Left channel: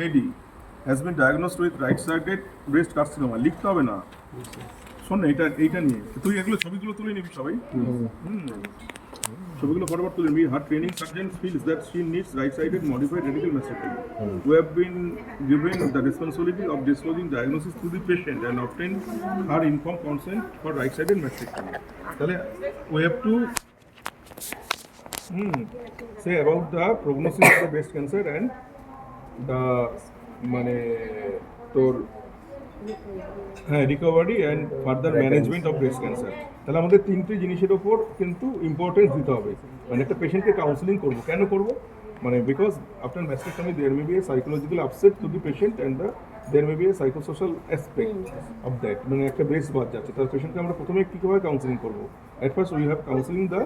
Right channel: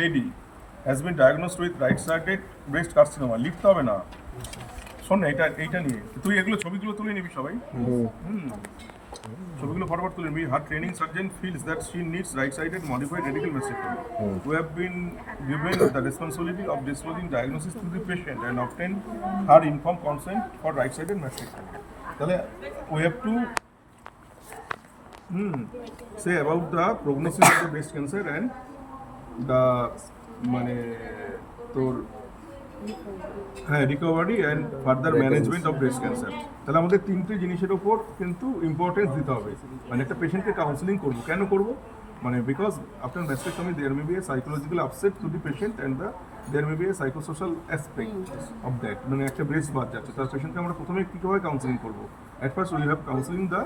lady has been diagnosed with right-sided breast carcinoma. লিখতে হবে না, শোন না, এইটা নিয়ে তুই এগুলো ছবিগুলো তুলে নিবি সবাই, ছবিগুলো ফরওয়ার্ড তুলে নিবি। Her training surgeon feels that she needs right-sided modified radical mastectomy. We have been given the responsibility of disclosing diagnosis to the patient and obtain her informed consent for right-sided mastectomy. তাহলে we have to say about the prognosis of the breast cancer and the মানে তোর recovery and further management of breast cancer. তাহলে আমাদের তিনটে জিনিসের ওপর কিন্তু importance দিতে হবে। মানে একটা পেশেন্টকে কাউন্সিলিং করবো, কেন করবো? মানে because after mastectomy there may be a psychological upset to the patient and there may be a psychosocial aspect of that. মানে একটা ব্রেস্ট বাদ যাচ্ছে, তার পেশেন্টকে আমরা প্রথমে কীভাবে কাউন্সিলিং করবো? At first we have counselling the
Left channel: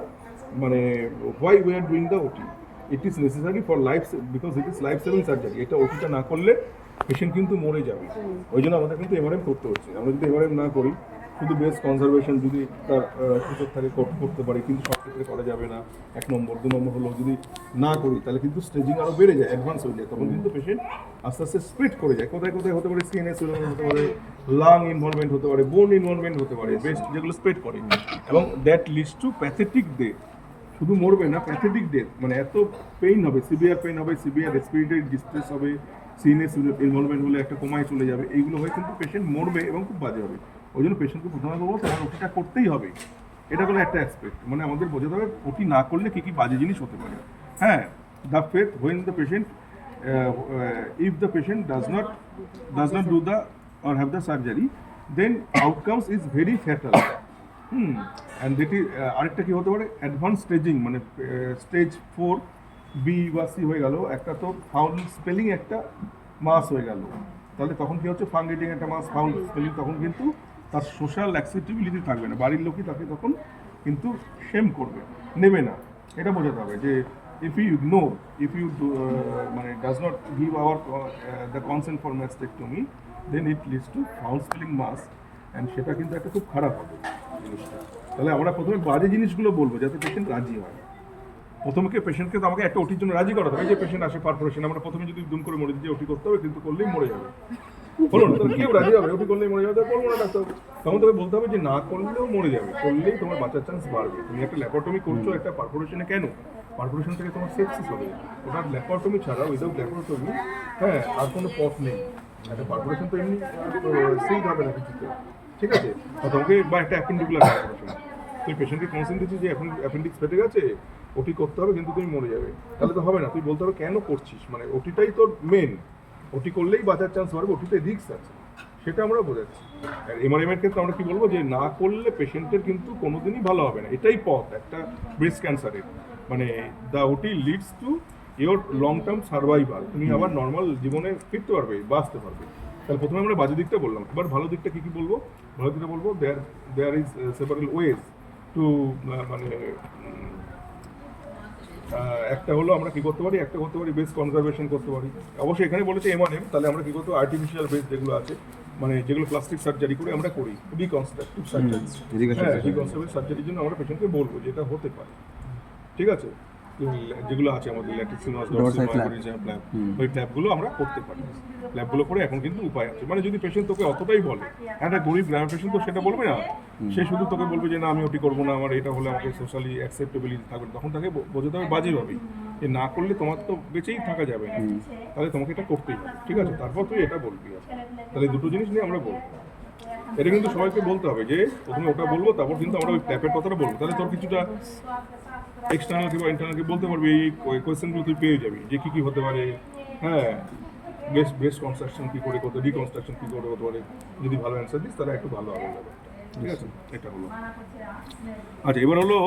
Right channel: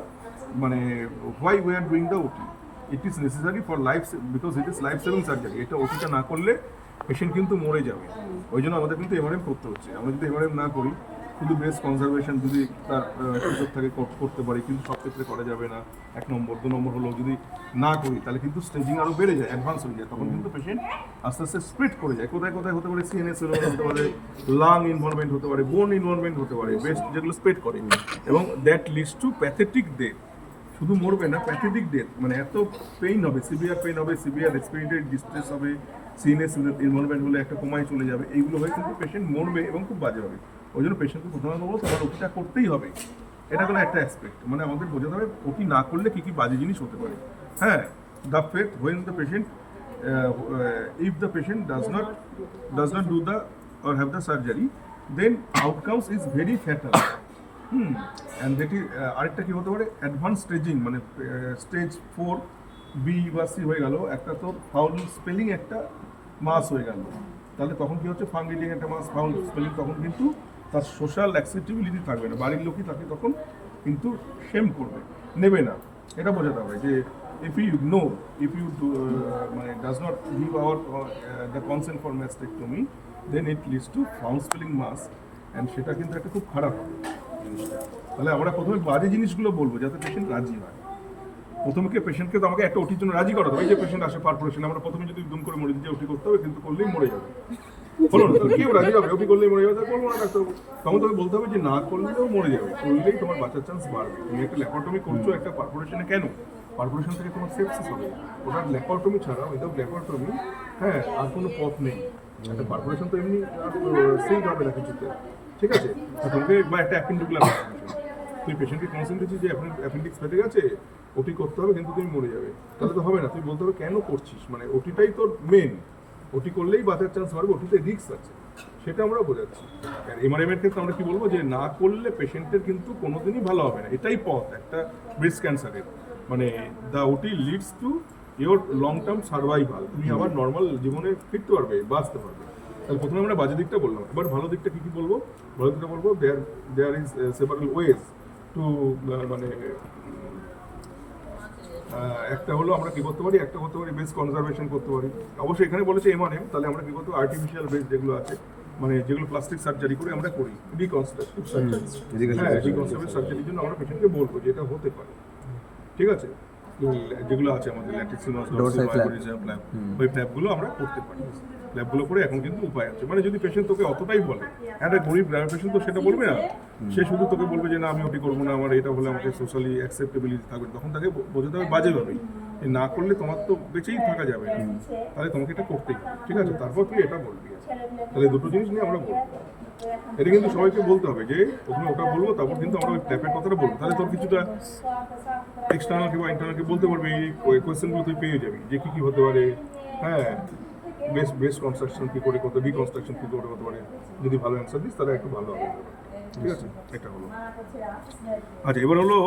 মানে why we are doing the OT. It is necessary for life, because it is life saving surgery. এটা ওটিটা না করলে পেশেন্ট কিন্তু মরে যাবে, ওই জন্য আমাদের কিন্তু এমআরএম করতে হচ্ছে। আমরা যদি এমআরএম না করি, শুধু ব্রেস্ট কনজারভেশন যদি তার সুযোগ থাকে করতে পারি, কিন্তু সব ক্ষেত্রে করা যাবে না। 1 নম্বর 2 নম্বর হলো যদি না করি তাহলে কিন্তু স্টেজিং আরও বেড়ে যায়, অ্যাডভান্স হয়ে যায়, তখন কিন্তু পেশেন্ট আস্তে আস্তে স্প্লিট করে যায়। কোথায় কোথায় হতে পারে? সিএনএস হতে পারে, লাং ইনভলভমেন্ট হতে পারে, বোন ইনভলভমেন্ট হতে পারে, ব্রেস্ট যেগুলো স্প্লিট করে, এবং that leads to pathetic death. শুধু মরবে না, প্যাথেটিক ডেথ, মানে এত পেইন হবে, সিভিয়ার পেইন হবে, সিভিয়ার রেসপিরেটরি ডিস্ট্রেস হবে, সিএনএস ইনভলভমেন্টগুলো একটা কমায় চলে যাবে। এইগুলো হয়ে কিন্তু পেশেন্ট মরবে এবং খুব বাজে হবে। ওই জন্য পেশেন্টকে প্রথমে বলবো তোমার ওটিটা করতেই হবে। এটা কোনো একটা অ্যাসপেক্ট, মানে আমাদের বোঝাতে হবে ওটি না করলে কী কী বাজে জিনিস হতে পারে। হ্যাঁ, the faith when the patient if the patient does not do the or have the surgery, then outcomes is very fatal. And that is আরেকটা কি হতে পারে? অ্যাডভান্স স্টেজিং, মানে স্টেজ 4 বি বা সি হয়ে গেল, একটা তোর ফাউল স্পেলিং একটা মাস হয়ে গেল। তাহলে তখন কি হচ্ছে? ফান রিডিং একটা মাস, ফাউল স্পেলিং, তখন কিন্তু তার সোশ্যাল অ্যাকসেপ্টেবিলিটি থাকবে না, বাড়ির লোকই তাকে তখন কিন্তু শেম করবে, নেবে না। এটা বোঝাতে হবে যে if you ignore, if you মানে does not give our the consent for mastectomy, then it leads to foul spelling mass, and সেটা কিন্তু একটা খুব খারাপ হবে। তাহলে আমরা প্রথমে বাজে জিনিসগুলো বলবো যাতে পেশেন্ট রাজি হয়। প্রথমে পেশেন্টকে তো আমাকে একটা ওটির জন্য রাজি করাতে হবে। এই যে পেশেন্ট আসে পারফোরেশন, আমরা প্রথমে যদি দুম করে মরে দিই যে ওটি করতে হবে, কিন্তু করলেই মরে যাবে, বলো না? তাহলে কেউ রাজি হবে? ওটি করলেই মরে যাবে, তাহলে করবো না ডাক্তার। তখন তোকে বলতে হবে যে না করলেও মরে যাবে, করলেই তোমার বাঁচার চান্স বাড়বে। তুমি একটা ল্যাপারটমি করছো একটা পারফোরেশনে, কেন? পারফোরেশন থেকে তোমার সেপসিস হবে। ওটার ল্যাপারটমি ছাড়া, উইদাউট ল্যাপারটমি হ্যাঁ আর কোনো পথ নেই। একটা পারফোরেশন তো এমনি সিঙ্ক হবে না কিছুতে, ঠিক আছে? তোমাকে বা একটা অ্যাপেন্ডিকুলার পারফোরেশন, তুই পেশেন্টকে কাউন্সিলিং দিচ্ছিস যে অ্যাপেন্ডিক্স ফেটে গেছে, ওটি করতে হবে কিন্তু তুমি মরে যাবে, তাহলে তো হবে না। তুই বলতে হবে কেন করছিস, মানে ওটিটাই তোর মেন, ওটি করলেই বাঁচার চান্স বাড়বে, ওটিতে রিস্ক আছে, সেটা আমরা বোঝাচ্ছি। আর এমআরএম এর ক্ষেত্রে আমরা কি বলবো? যে না করলে পেশেন্টের কিন্তু কোনোদিনই ভালো হবে না, এটাই পথ একটা ব্রেস্ট ক্যান্সারের। মানে দ্য ওটি leads to your long term survival, তুমি আবার নর্মাল জীবনে ফিরতে পারবে, বাঁচতে পারবে। তাহলে প্রথমে আমরা বাজে দিকটা বললাম, এবার ভালো দিকটা কী কী বলবো? ভালো দিকটা বলবো there is several ways to, মানে একটা হলো আমরা কী করতে পারি, একটা করতে পারি বেস কনজারভেশন করতে পারি। অবশ্যই এখানে বলেছে এমআরএম, তাহলে আমরা কী করতে? আর্টিফিশিয়াল বেস যেগুলো আছে, মানে যেগুলো প্লাস্টিক সার্জারি করে আমরা করি, রিকনস্ট্রাকটিভ সার্জারি, হ্যাঁ রিকনস্ট্রাকটিভ সার্জারির জন্য আমরা পেশেন্টকে বলবো যে এটা হতে পারে, ঠিক আছে? যেগুলো আছে আমাদের ল্যাটিসিমাস ফ্ল্যাপ, ওই ফ্ল্যাপগুলো আমরা করতে পারি। ফ্ল্যাপগুলো করে এখন কিন্তু উপায় আছে, মানে যদি পেশেন্ট তোকে অতটাই বলে, একটা গরিব গ্রামের পেশেন্ট তো সেটা বলবে না, সে শুধু তোকে বলবে যে না আমি ওটি করবো না, আমার এটা হলে আমাকে সোশ্যালি অ্যাকসেপ্টেবিলিটি থাকবে, তখন তাকে বোঝাতে হবে বাজেভাবে যে না করলে তোমার তো বেঁচেই থাকা যাবে না, তাহলে তোমাকে এটা করতেই হবে, ঠিক আছে? তারপর তুই এটা বলবি। তাহলে দুটো জিনিস নিয়ে আমরা বলবো, এটা কিন্তু সবাইকে বলতে হবে যে প্রথমে ওটা বলবো, তারপর কিন্তু আমরা ওই ট্যাপের কথাটা বলবো। তাহলে তোর কিছুটা এক্সটার্নাল কিংবা ইন্টারনাল বলতে পারবে, এই কোয়েশ্চেনগুলো তুই পেয়ে যাবি যে কী কী হতে পারে। হ্যাঁ, ব্রেস্ট কনস্ট্রাকশন কী করে করতে, রিকনস্ট্রাকশন কী করে হতে পারে, যদি ভালো অ্যান্সার দিস তাহলে একটু ভালো হবে, ঠিক আছে? এটা হলো। আচ্ছা, এবার হলো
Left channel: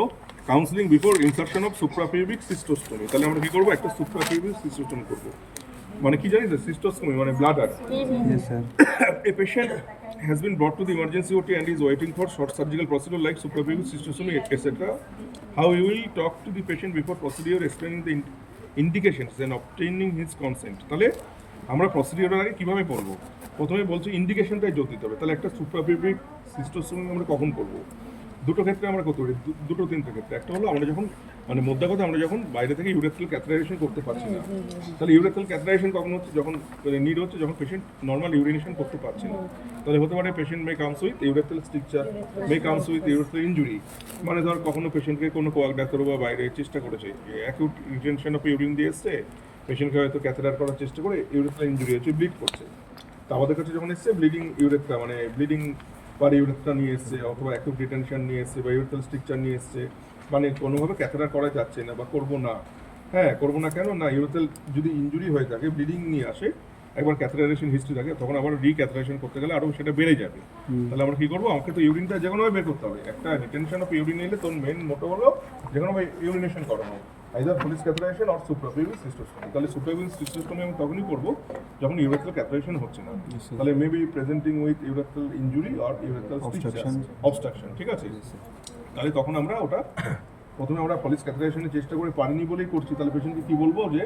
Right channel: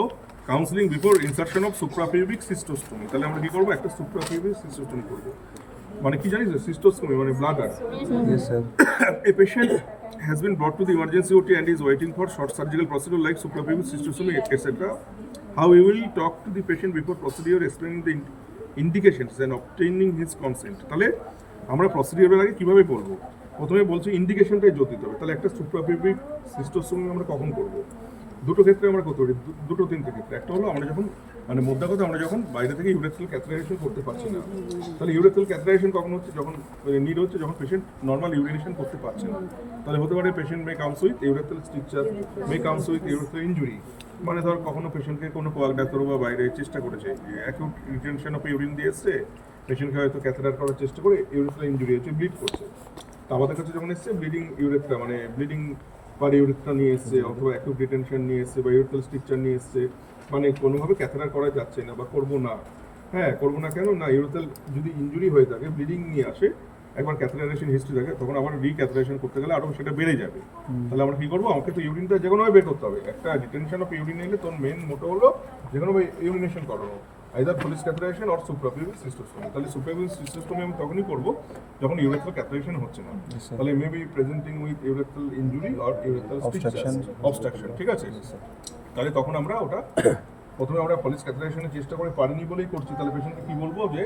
কাউন্সিলিং বিফোর ইনসারশন অফ সুপ্রাপিউবিক সিস্টোস্টমি। তাহলে আমরা কী করবো? একটা সুপ্রাপিউবিক সিস্টোস্টমি করবো। মানে কি জানিস? সিস্টোস্টমি মানে bladder. A patient has been brought to the emergency OT and is waiting for short surgical procedure like suprapubic cystoscopy, etc. How we will talk to the patient before procedure, explaining the indications and obtaining his consent. তাহলে আমরা প্রসিডিওরের আগে কীভাবে বলবো? প্রথমে বলছি ইন্ডিকেশনটাই জোর দিতে হবে। তাহলে একটা সুপ্রাপিউবিক সিস্টোস্টমি আমরা কখন করবো? দুটো ক্ষেত্রে আমরা করতে পারি, দুটো তিনটে ক্ষেত্রে। একটা হলো আমরা যখন মানে মোদ্দা কথা আমরা যখন বাইরে থেকে ইউরেথ্রাল ক্যাথেটারাইজেশন করতে পারছি না, তাহলে ইউরেথ্রাল ক্যাথেটারাইজেশন কখন হচ্ছে, যখন নিড হচ্ছে, যখন পেশেন্ট নর্মাল ইউরিনেশন করতে পারছে না। তাহলে হতে পারে patient May comes with urethral stricture, May comes with urethral injury. মানে ধর কখনো পেশেন্টকে কোনো কোয়াক ডাক্তার বা বাইরে চেষ্টা করেছে, অ্যাকিউট রিটেনশন অফ ইউরিন দিয়ে এসছে, পেশেন্টকে হয়তো ক্যাথেটার করার চেষ্টা করে ইউরেথ্রাল ইনজুরি হচ্ছে, ব্লিড করছে। তা আমাদের কাছে যখন এসছে ব্লিডিং ইউরেথ্রা, মানে ব্লিডিং বা ইউরেথ্রা নিয়ে এসছে, অথবা অ্যাকিউট রিটেনশন নিয়ে এসছে বা ইউরেথ্রাল স্ট্রিকচার নিয়ে এসছে, মানে কোনোভাবে ক্যাথেটার করা যাচ্ছে না বা করবো না। হ্যাঁ, করবো না কেন না, ইউরেথ্রাল যদি ইনজুরি হয়ে থাকে, ব্লিডিং নিয়ে আসে, একবার ক্যাথেটারাইজেশন হিস্ট্রি থাকে, তখন আবার রিক্যাথেটারাইজেশন করতে গেলে আরও সেটা বেড়ে যাবে। তাহলে আমরা কী করবো, আমাকে তো ইউরিনটা যে কোনোভাবে বের করতে হবে। একটা রিটেনশন অফ ইউরিন এলে তোর মেন মোটো হলো যে কোনোভাবে ইউরিনেশন করানো, আইদার ফলিস ক্যাথেটারাইজেশন অর সুপ্রাপিউবিক সিস্টোস্টমি। তাহলে সুপ্রাপিউবিক সিস্টোস্টমি আমি তখনই করবো যখন ইউরেথ্রাল ক্যাথেটারাইজেশন হচ্ছে না। তাহলে maybe presenting with urethral injury or urethral obstruction, ঠিক আছে। তাহলে তখন আমরা ওটা প্রথমে আমরা ফলিস ক্যাথেটারাইজেশনের চেষ্টা করে পারিনি বলেই করছি। তাহলে পেশেন্টকে কী বলবো যে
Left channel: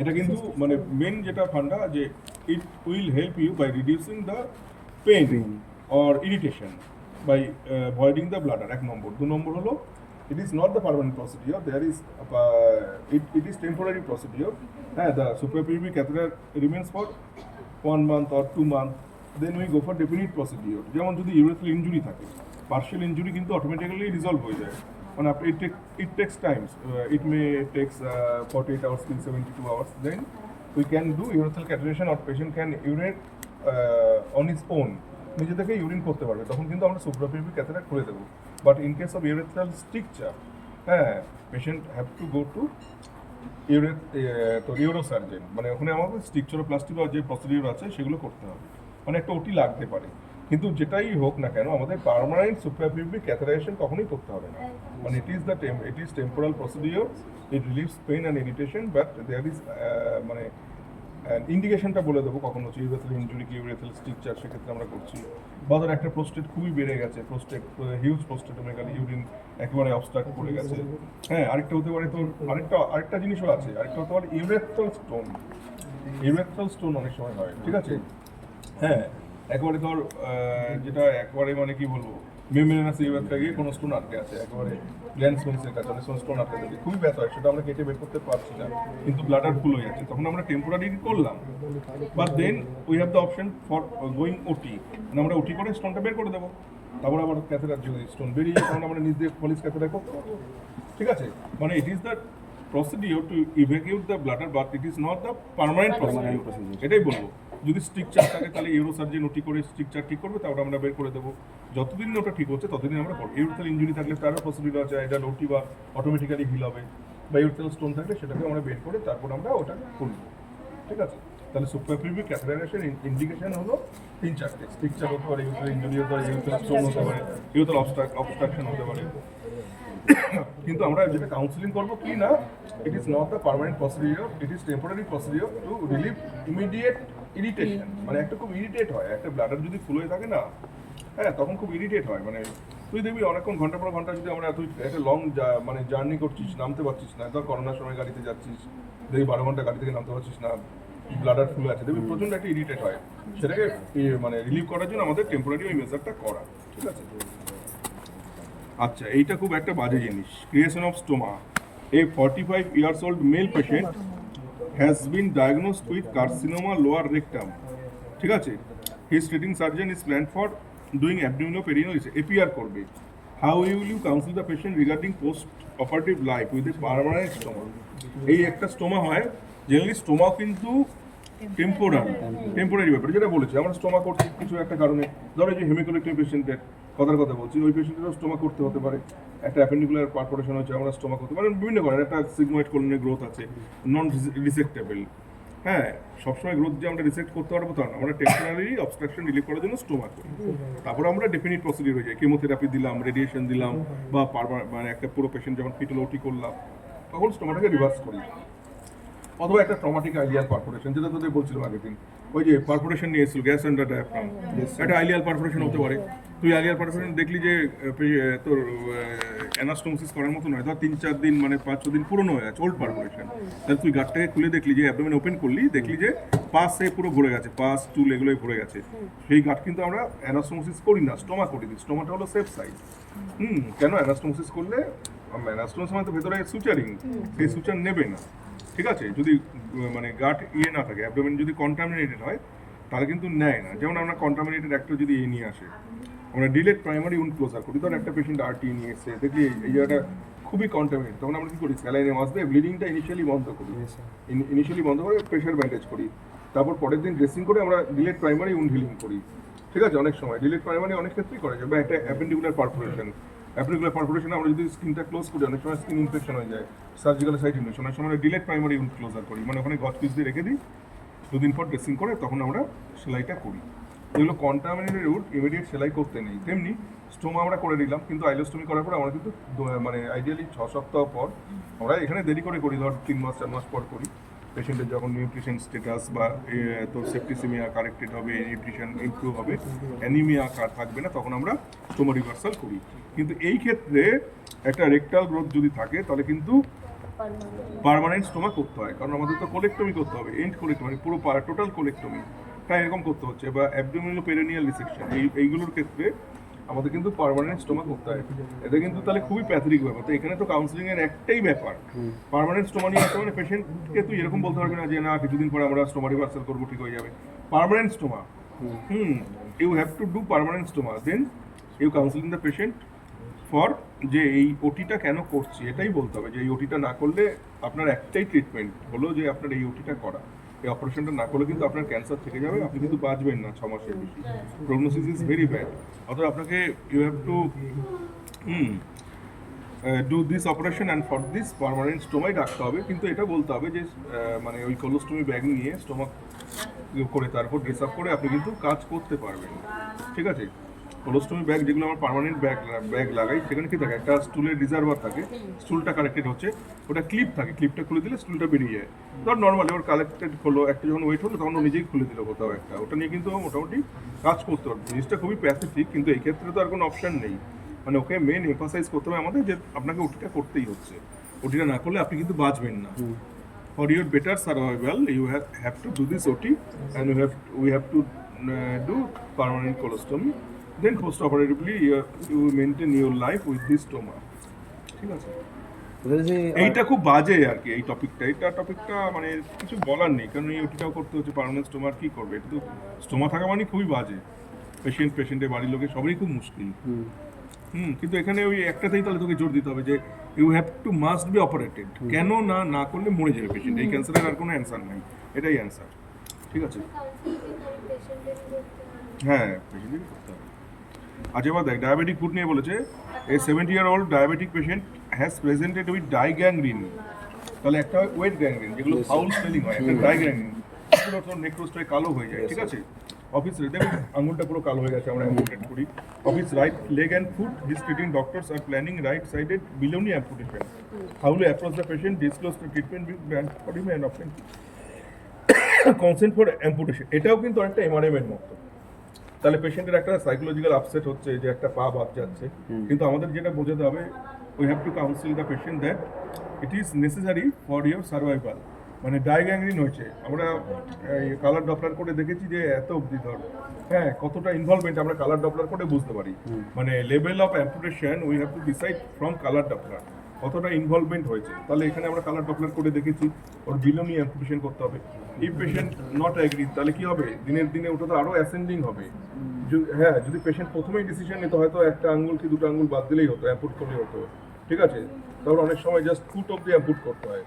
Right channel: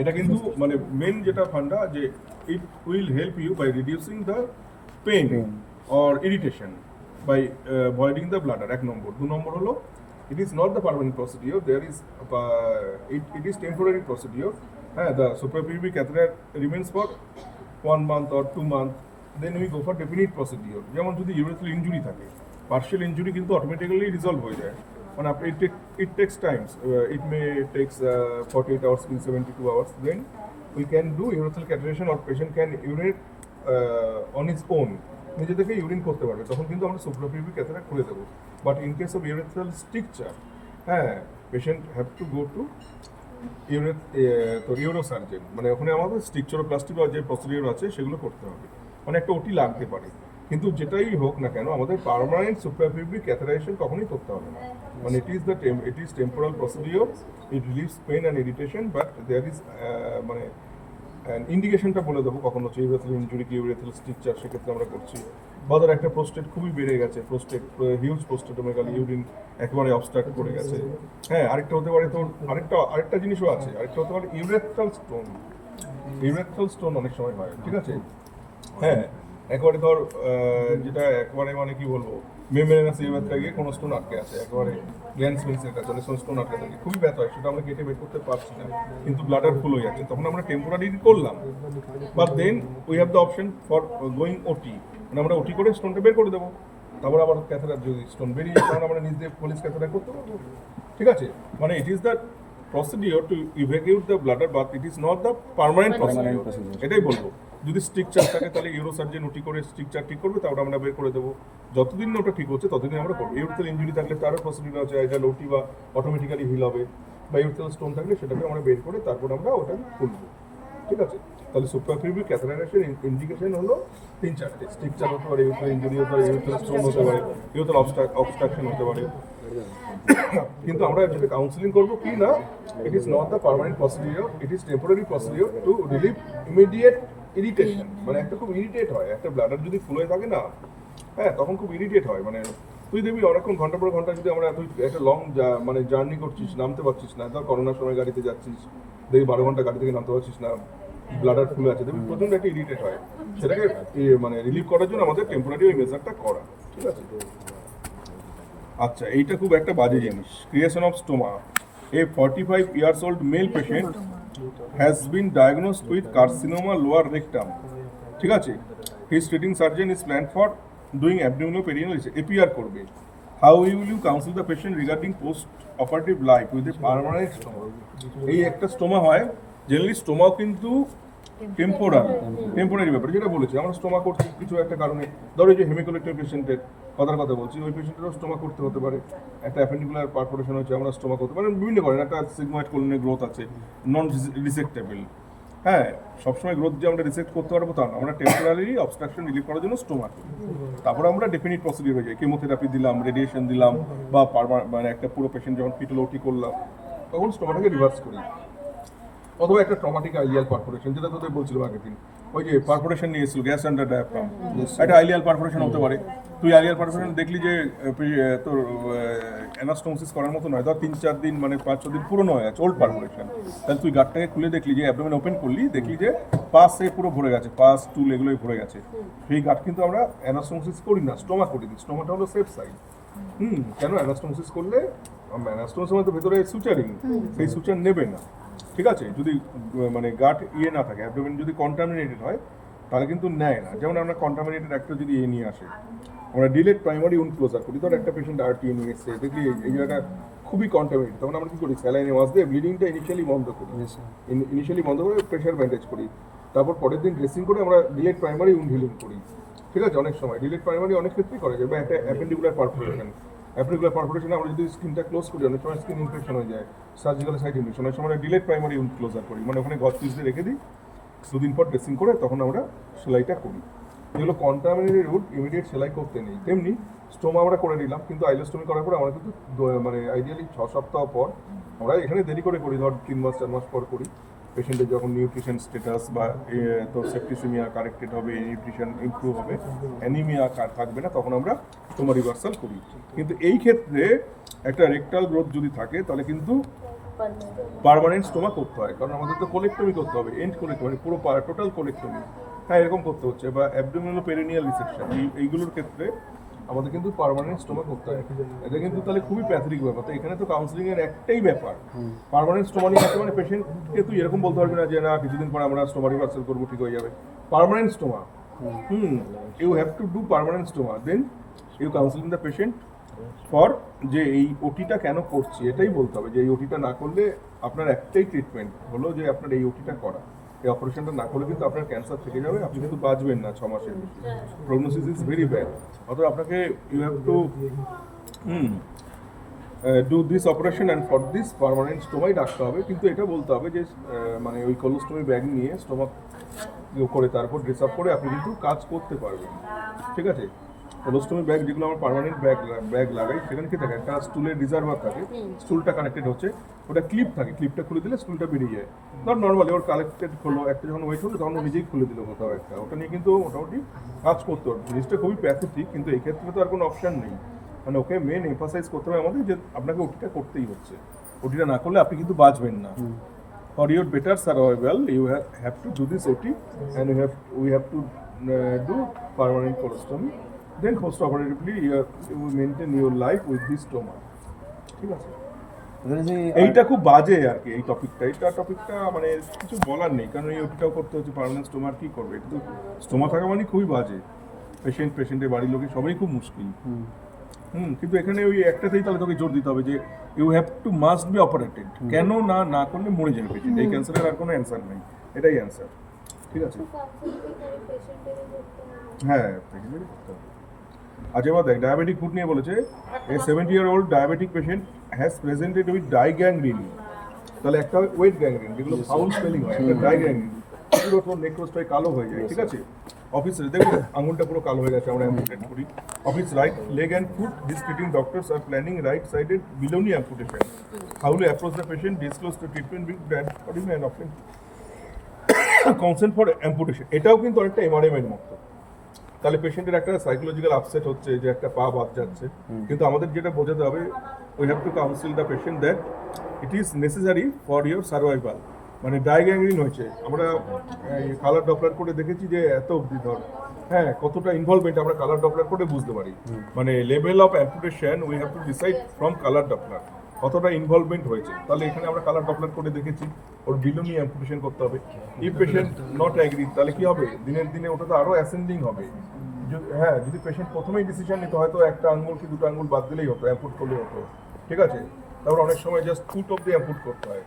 এটা কিন্তু মানে মেন যেটা ফান্ডা, যে it will help you by reducing the pain or irritation by voiding the bladder, 1 number. 2 number হলো it is not the permanent procedure, there is it is temporary procedure. The suprapubic catheter remains for 1 month or 2 months, then we go for definite procedure. যেমন যদি urethral injury থাকে, partial injury কিন্তু automatically resolve হয়ে যায়, মানে it takes times, it may takes 48 hours till 72 hours, then we can do urethral catheterization or patient can urinate on his own, নিজে থেকে urine করতে পারবে, তখন কিন্তু আমরা সুপ্রাপিউবিক ক্যাথেটার খুলে দেবো। But in case of urethral stricture, patient have to go to urosurgeon, মানে ওখানে আমাদের স্ট্রিকচারোপ্লাস্টি বা যে প্রসিডিউর আছে সেগুলো করতে হবে, মানে একটা ওটি লাগতে পারে। কিন্তু যেটাই হোক না কেন আমাদের পার্মানেন্ট সুপ্রাপিউবিক ক্যাথেটারাইজেশন কখনোই করতে হবে না, মানে it is temporal procedure, it relieves pain and irritation, but there is মানে ইন্ডিকেশনটা বলে দেবো কখন হচ্ছে ইউরেথ্রাল ইনজুরি কি ইউরেথ্রাল স্ট্রিকচার, সেক্ষেত্রে আমরা করছি। বা ধর একটা প্রোস্টেট খুবই বেড়ে গেছে, হিউজ প্রোস্টেটোমেগালি, ইউরিন একেবারে অবস্ট্রাক্ট করে গেছে। আরেকটা হতে পারে তোর আরেকটা জিনিসও আছে, আরেকটা হতে পারে ইউরেথ্রাল স্টোন অনেক সময় হয়, ঠিক আছে। একেবারে ধর যেটা একেবারে মানে কি বলবো, মেমব্রেনাস ইউরেথ্রা গিয়ে কোনো স্টোন আটকে আছে, একেবারে গ্ল্যান্ড স্মেন্সের কাছে অনেক সময় স্টোন আটকে থাকে, খুবই ব্যথা হয়, সেটা আমরা কেটে বের করতে পারছি না, কিন্তু ব্লাডার ফুল হয়ে যাচ্ছে, তখন আমরা টেম্পোরারি করলাম। But then we have the option for going OT, মানে আমরা ওটি করে স্টোনটা বের করে দেবো, তারপর আবার ক্যাথেটার যদি স্টোন বেরিয়ে যায় তখন আমরা নিজ দিয়ে ফলিস ক্যাথেটার করতে পারবো, ঠিক আছে। মানে it is the procedure to evacuate the bladder, but it is not the permanent procedure. এটাই বলবো, যদি স্ট্রিকচার থাকে তাহলে ইউরোসার্জন ওটি করে স্ট্রিকচার ঠিক করবে, তারপর আমরা বের করে দেবো। যতদিন ওটা ঠিক হচ্ছে ততদিন আমরা করবো। ইউরেথ্রাল ইনজুরি থাকলে তারও প্রসিডিউর আছে, এটা ওটি বা অটোমেটিক্যালি হিল হবে, বা ইউরেথ্রাল স্টোন থাকলে সেটাকে আমরা বের করে তারপর আমরা ওটা করবো, ঠিক আছে। তাহলে সুপ্রাপিউবিক ক্যাথেটারাইজেশন ইন্ডিকেশন হলো 3-4টে, স্ট্রিকচার হতে পারে, ইউরেথ্রাল ইনজুরি হতে পারে, ইউরেথ্রাল স্টোন হতে পারে, ইউরেথ্রাল অবস্ট্রাকশন হতে পারে। কিন্তু আমরা যেটা কাউন্সিলিং করবো কি না, it is not the permanent procedure, it is temporary procedure to relieve immediate irritation. মানে একটা খুব ইরিটেট হয়, একটা ব্লাডার যদি ফুল হয়ে থাকে না, তখন খুব ইরিটেট হয়। মানে তুই দেখবি অনেকক্ষণ ঘন্টা পর ঘন্টা যদি আমরা একটা লং মানে জার্নি করছিস, নামতে পারছিস না, ধর করোনার সময় গাড়িতে যাচ্ছিস, দেখবি 12 ঘন্টা গাড়ি থেকে নামতে পারছিস না, ব্লাডার ফুল আছে, দেখবি প্রচন্ড একটা ইরিটেট হয়, সেটাকে মানে রিলিভ করার জন্য আমাদের টেম্পোরারি ওই মেজারটা করা, ঠিক আছে। আচ্ছা, এইটা খুব একটা বাজে জিনিস, creation of stoma. A 45 years old male patient has been diagnosed with carcinoma lower rectum, ঠিক আছে। His treating surgeon is planned for doing abdominoperineal APR করবে। How will you counsel the patient regarding post-operative life with a permanent stoma? এই একটা stoma হয়, generally স্টোমাও কিন্তু temporary ব্যাপার, যেটা বলেছি আমরা স্টোমা করছি কিছু একটা কারণে, ধরো যে হেমিকোলেক্টমি পেশেন্টের কথার কথা বলছি, ওই পেশেন্টেরও স্টোমা করতে হতে পারে, একটা অ্যাপেন্ডিকুলার পারফোরেশন হচ্ছে, আমরা স্টোমা করতে পারি বিভিন্ন কারণে, একটা সিগময়েড কোলনের গ্রোথ আছে নন রিসেক্টেবল। সবসময় গ্রোথ যে আমরা রিসেক্ট করতে পারবো তা না, আমরা টেম্পোরারি অবস্ট্রাকশন রিলিভ করার জন্য স্টোমা করি, তারপরে আমরা ডেফিনিট প্রসিডিউর হয়ে যায়, কেমোথেরাপি দিলাম, রেডিয়েশন দিলাম, বা মানে একটা পুরো পেশেন্ট যখন ফিটাল ওটি করলাম, তখন স্টোমাটাকে রিভার্স করি। অথবা একটা ট্রমাটিক আইলিয়াল পারফোরেশন, যেটা তোদের বলছিলাম আগের দিন, ওই যে পারফোরেশন নিয়ে এসেছিল গ্যাস আন্ডার ডায়াফ্রাম, একটা আইলিয়াল পারফোরেশন হতে পারে। তুই আইলিয়াল পারফোরেশন দেখলি যে তোর অ্যানাস্টোমোসিস করার মতো নয়, ধর 3-4 দিন মানে 5-6 দিন পুরনো হয়ে আছে, ওল্ড পারফোরেশন, তাহলে তুই গাঁটটাকে খুলে দেখলি যে অ্যাবডোমেন ওপেন করলি, দেখলি যে পাসে পুরো ভরে গেছে, পাস টুল এগুলোই ভরে গেছে, সেই গাঁট কিন্তু আমরা অ্যানাস্টোমোসিস করি না, স্টোমা করি দিই। স্টোমাটা হলো সেফ সাইড। কেন অ্যানাস্টোমোসিস করলে অ্যানাস্টোমোসিস মানে তো ভেতরে সুচারিং, সেই সুচার নেবে না, ঠিক আছে? যদি মানে গাট না থাকে, অ্যাবডোমেন যদি কন্টামিনেটেড হয় তাহলে কিন্তু নেয় না। যেমন আমরা কন্টামিনেটেড একটা যদি নিয়ে আসে, আমরা ডিলেট প্রাইমারি উন্ড ক্লোজার করি। ধর একটা পেশেন্ট আরটিএ নিয়ে এসছে, দেখি এই জায়গাটা খুবই কন্টামিনেটেড, তখন আমরা কি করি, স্যালাইনে মাছ দিয়ে ব্লিডিংটা ইনিশিয়ালি বন্ধ করে প্রেশার ব্যান্ডেজ করি, তারপর পরের দিন ড্রেসিং করে আমরা ডিলেট প্রাইমারি উন্ড হিলিং করি, ঠিক আছে? অনেক সময় ডিলেট প্রাইমারি অনেক ক্ষেত্রেই করা যায়। বা একটা অ্যাপেন্ডিকুলার পারফোরেশন আমরা যদি স্কিনটা ক্লোজ করি, অনেক সময় স্কিন ইনফেকশন হয়ে যায়, সার্জিক্যাল সাইট ইনফেকশন, অনেক সময় ডিলেট প্রাইমারি উন্ড ক্লোজার করি, মানে ওখানে গজ পিস দিয়ে রেখে দিই, 2 দিন পর ড্রেসিং করে তখন আমরা সেলাইটা করি। এগুলো কন্টামিনেটেড উড ইমিডিয়েট সেলাই করতে নেই। তেমনি স্টোমা আমরা করে নিলাম, কিন্তু আইলোস্টোমি করার পর আমরা কিন্তু মানে আইডিয়ালি 6 সপ্তাহ পর, আমরা এখানে দেরি করে করি, ধর 3 মাস 4 মাস পর করি। পেশেন্টের যখন নিউট্রিশন স্ট্যাটাস বা তো সেপ্টিসেমিয়া কারেক্টেড হবে, নিউট্রিশন ইমপ্রুভ হবে, অ্যানিমিয়া থাকবে না, তখন আমরা স্টোমা রিভার্সাল করি। কিন্তু এই ক্ষেত্রে একটা রেকটাল গ্রোথ যদি থাকে তাহলে কিন্তু পার্মানেন্ট স্টোমা করতে হয়, কারণ আমাদের তো কোলেক্টমি করতে হবে, এন্ড কোলেক্টমি মানে পুরো টোটাল কোলেক্টমি, হ্যাঁ এরকম করতে হচ্ছে, বা অ্যাবডোমিনাল পেরিনিয়াল রিসেকশন, এইগুলোর ক্ষেত্রে আমাদের কিন্তু পার্মানেন্ট স্টোমা করতে হয়। এটা কিন্তু তাহলে খুবই প্যাথরিক ব্যাপার। তো এখানে তো কাউন্সিলিং এর একটাই ব্যাপার, পার্মানেন্ট স্টোমা নিয়ে আসে মানে পেশেন্টকে তুই এরকম বলতে পারবি না যে না কিছুদিন পর আমরা স্টোমা রিভার্সাল করবো, ঠিক হয়ে যাবে। Permanent stoma, you have to do permanent stoma, then you counselling the patient for যে এই ওটিটা কেন করছি, এটাই বলতে হবে যে এই ওটিটা না করলে আপনার একটাই ট্রিটমেন্ট হলো যে আপনার এই ওটিটা করা, এই অপারেশনটা না করলে কিন্তু আপনার ক্যান্সার থেকে যাবে, আপনি কিন্তু বাঁচবেন না 6 মাসের বেশি, প্রগনোসিস ইজ ভেরি ব্যাড। অর্থাৎ আপনাকে you have to do this operation and for this permanent স্টোমাই রাখতে হবে। কিন্তু এটা বলতে হবে যে মানে ওই কোলোস্টোমি ব্যাগ নিয়ে স্টোমাক করে তারপর ড্রেস আপ করে আপনি কিন্তু কাজ করতে পারবেন, ঠিক আছে? কোলোস্টোমি ব্যাগ যেগুলো আমরা পার্মানেন্ট ব্যাগ লাগাই, সেখানে কি থাকে, একটা স্টুলের রিজার্ভার থাকে, স্টুলটা কানেক্টেড হচ্ছে, ওটা ক্লিপ থাকে, ক্লিপটা খুলে দিলে স্টুলটা বেরিয়ে যায়। ধর নর্মালি ওর কানেক্টেড হলো, একটা যখন ওয়েট হলো তখন ও নিজেই খুলে দিল কোথাও একটা, ওটা নিয়ে কিন্তু মোটামুটি কাজ করতে পারবে। জিনিসটা খুবই প্যাথেটিক, কিন্তু এই ক্ষেত্রে তো আর কোনো অপশান নেই, মানে ওকে মেন এমফাসাইজ করতে হবে আমাদের যে আপনাকে ওটিটা করতেই হচ্ছে, ওটিটা না করলে আপনি কিন্তু বাঁচবেন না। For your better survival you have to do this OT and we have to do permanent colostomy, then postoperatively you maintain your life with this stoma, ঠিক আছে? এইটা খুব বাজে আর কি, এই টপিকটা মানে কিছু বলার নেই, কারণ এই ওটিটাও করতে হচ্ছে, পার্মানেন্ট স্টোমার কি করবে, কিন্তু স্টোমা থাকা মানে খুবই বাজে, পেশেন্টের বাড়ির লোকের সবারই খুব মুশকিল। কিন্তু এখানে ওই একটাতেই তাহলে তোকে জোর দিতে হবে যে you have to must be operated, কেন না করলে মরে যাবে পেশেন্ট, এই ক্যান্সারের আর কোনো অ্যান্সার নেই, এটাই অ্যান্সার, ঠিক আছে? হ্যাঁ, পেশেন্টেরই করতে হবে। আচ্ছা এবার দেখ, ডায়াবেটিক ফুড নিয়ে বলেছে, a 70-year-old diabetic patient has presented with dry gangrene. তাহলে একটা হয় ওয়েট গ্যাংগ্রিন, যেগুলো ফাউল স্মেলিং হয়, একটা ডাইগ্যাংগ্রিন, পুরো তোর নেক্রোসটাই কালো হয়ে যায়, ঠিক আছে? অফিস দেখুন আঙুলটা পুরো কালো হয়ে গেছে, আমরা অ্যাম্পুটেট করি। Of his right leg and foot, his treating doctors are planning right sided below knee amputation. How to approach the patient, disclose the treatment with and option consent for amputation. এটাও কিন্তু অনেকটা এমআরএম এর মতো। তাহলে পেশেন্টের একটা সাইকোলজিক্যাল আপসেট হচ্ছে যে একটা পা বাদ যাচ্ছে, কিন্তু আমাদের যেটা বোঝাতে হবে, we have two council the patient that it is necessary for your survival. মানে ডাইগ্যাংগ্রিন হয়েছে, আমরা কালার ডপলার করে দেখেছি যে এত অবধি ধর, হ্যাঁ কতটা ইনভলভমেন্ট আমরা কালার ডপলার করে বুঝতে পারি, মানে level of amputation we have to decide from colour Doppler কতটা ইনভলভমেন্ট হয়েছে। তাহলে এখানে আমরা কালার ডপলার করে দেখেছি, ওর বিলোনি অ্যাম্পুটেশন করতে হবে। ইফ পেশেন্ট নট অ্যাগ্রি, তাহলে কি হবে, দিনের দিনে ওটা তো আরও অ্যাসেন্ডিং হবে। হ্যাঁ, যদি পেশেন্ট প্রথমেই ডিসিশন নিত, হয়তো একটা আঙ্গুল কি দুটো আঙ্গুল বাদ দিলেই হতো, অ্যাম্পুট করলেই হতো, ঠিক আছে? তারপর অনেক সময় জাস্ট ফুট অব্দি অ্যাম্পুট করতে হয়,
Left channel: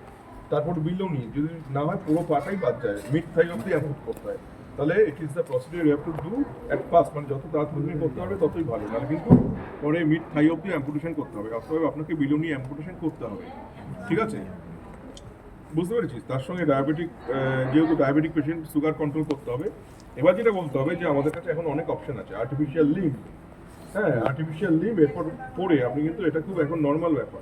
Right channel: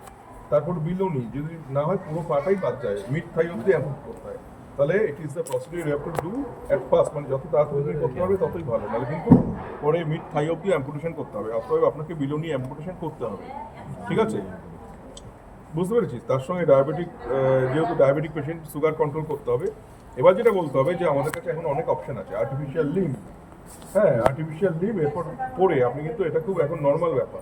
তারপর বিলোনি, যদি না হয় পুরো পাটাই বাদ যায়, মিড থাই অব্দি অ্যাম্পুট করতে হয়। তাহলে it is the procedure you have to do at first, মানে যত তাড়াতাড়ি করতে হবে ততই ভালো, নাহলে কিন্তু পরে মিড থাই অব্দি অ্যাম্পুটেশন করতে হবে, অতএব আপনাকে বিলোনি অ্যাম্পুটেশন করতে হবে, ঠিক আছে? বুঝতে পেরেছিস? তার সঙ্গে ডায়াবেটিক, যেহেতু ডায়াবেটিক পেশেন্ট, সুগার কন্ট্রোল করতে হবে। এবার যেটা বলতে হবে যে আমাদের কাছে এখন অনেক অপশন আছে, আর্টিফিশিয়াল লিম, হ্যাঁ আর্টিফিশিয়াল লিম এরপর পরে আপনি কিন্তু এটা খুব এখন নর্মাল ব্যাপার,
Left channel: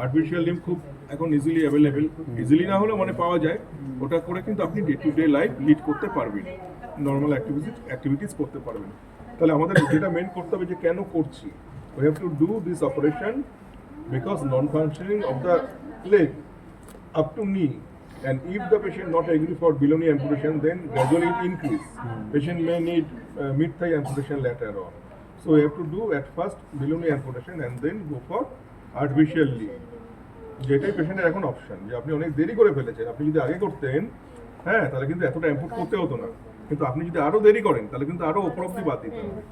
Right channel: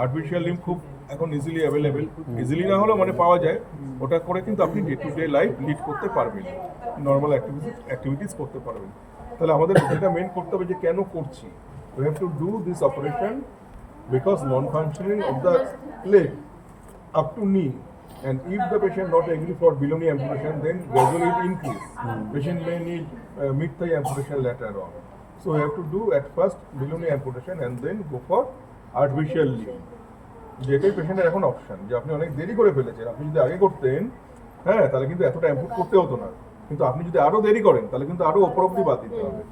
আর্টিফিশিয়াল লিম্ব খুব এখন ইজিলি অ্যাভেলেবেল, ইজিলি না হলেও মানে পাওয়া যায়, ওটা করে কিন্তু আপনি day to day life lead করতে পারবেন, নর্মাল অ্যাক্টিভিটিস করতে পারবেন। তাহলে আমাদের যেটা মেন করতে হবে যে কেন করছি, we have to do this operation because non-functioning of the leg up to knee, and if the patient not agree for below knee amputation, then gradually it increase. Patient may need mid thigh amputation later on. So we have to do at first below knee amputation and then go for artificial limb. যেটাই পেশেন্টের এখন option, যে আপনি অনেক দেরি করে ফেলেছেন, আপনি যদি আগে করতেন হ্যাঁ তাহলে কিন্তু এতটা অ্যাম্পুট করতে হতো না, কিন্তু আপনি যদি আরও দেরি করেন তাহলে কিন্তু আরও ওপর অব্দি বাদ দিতে হবে।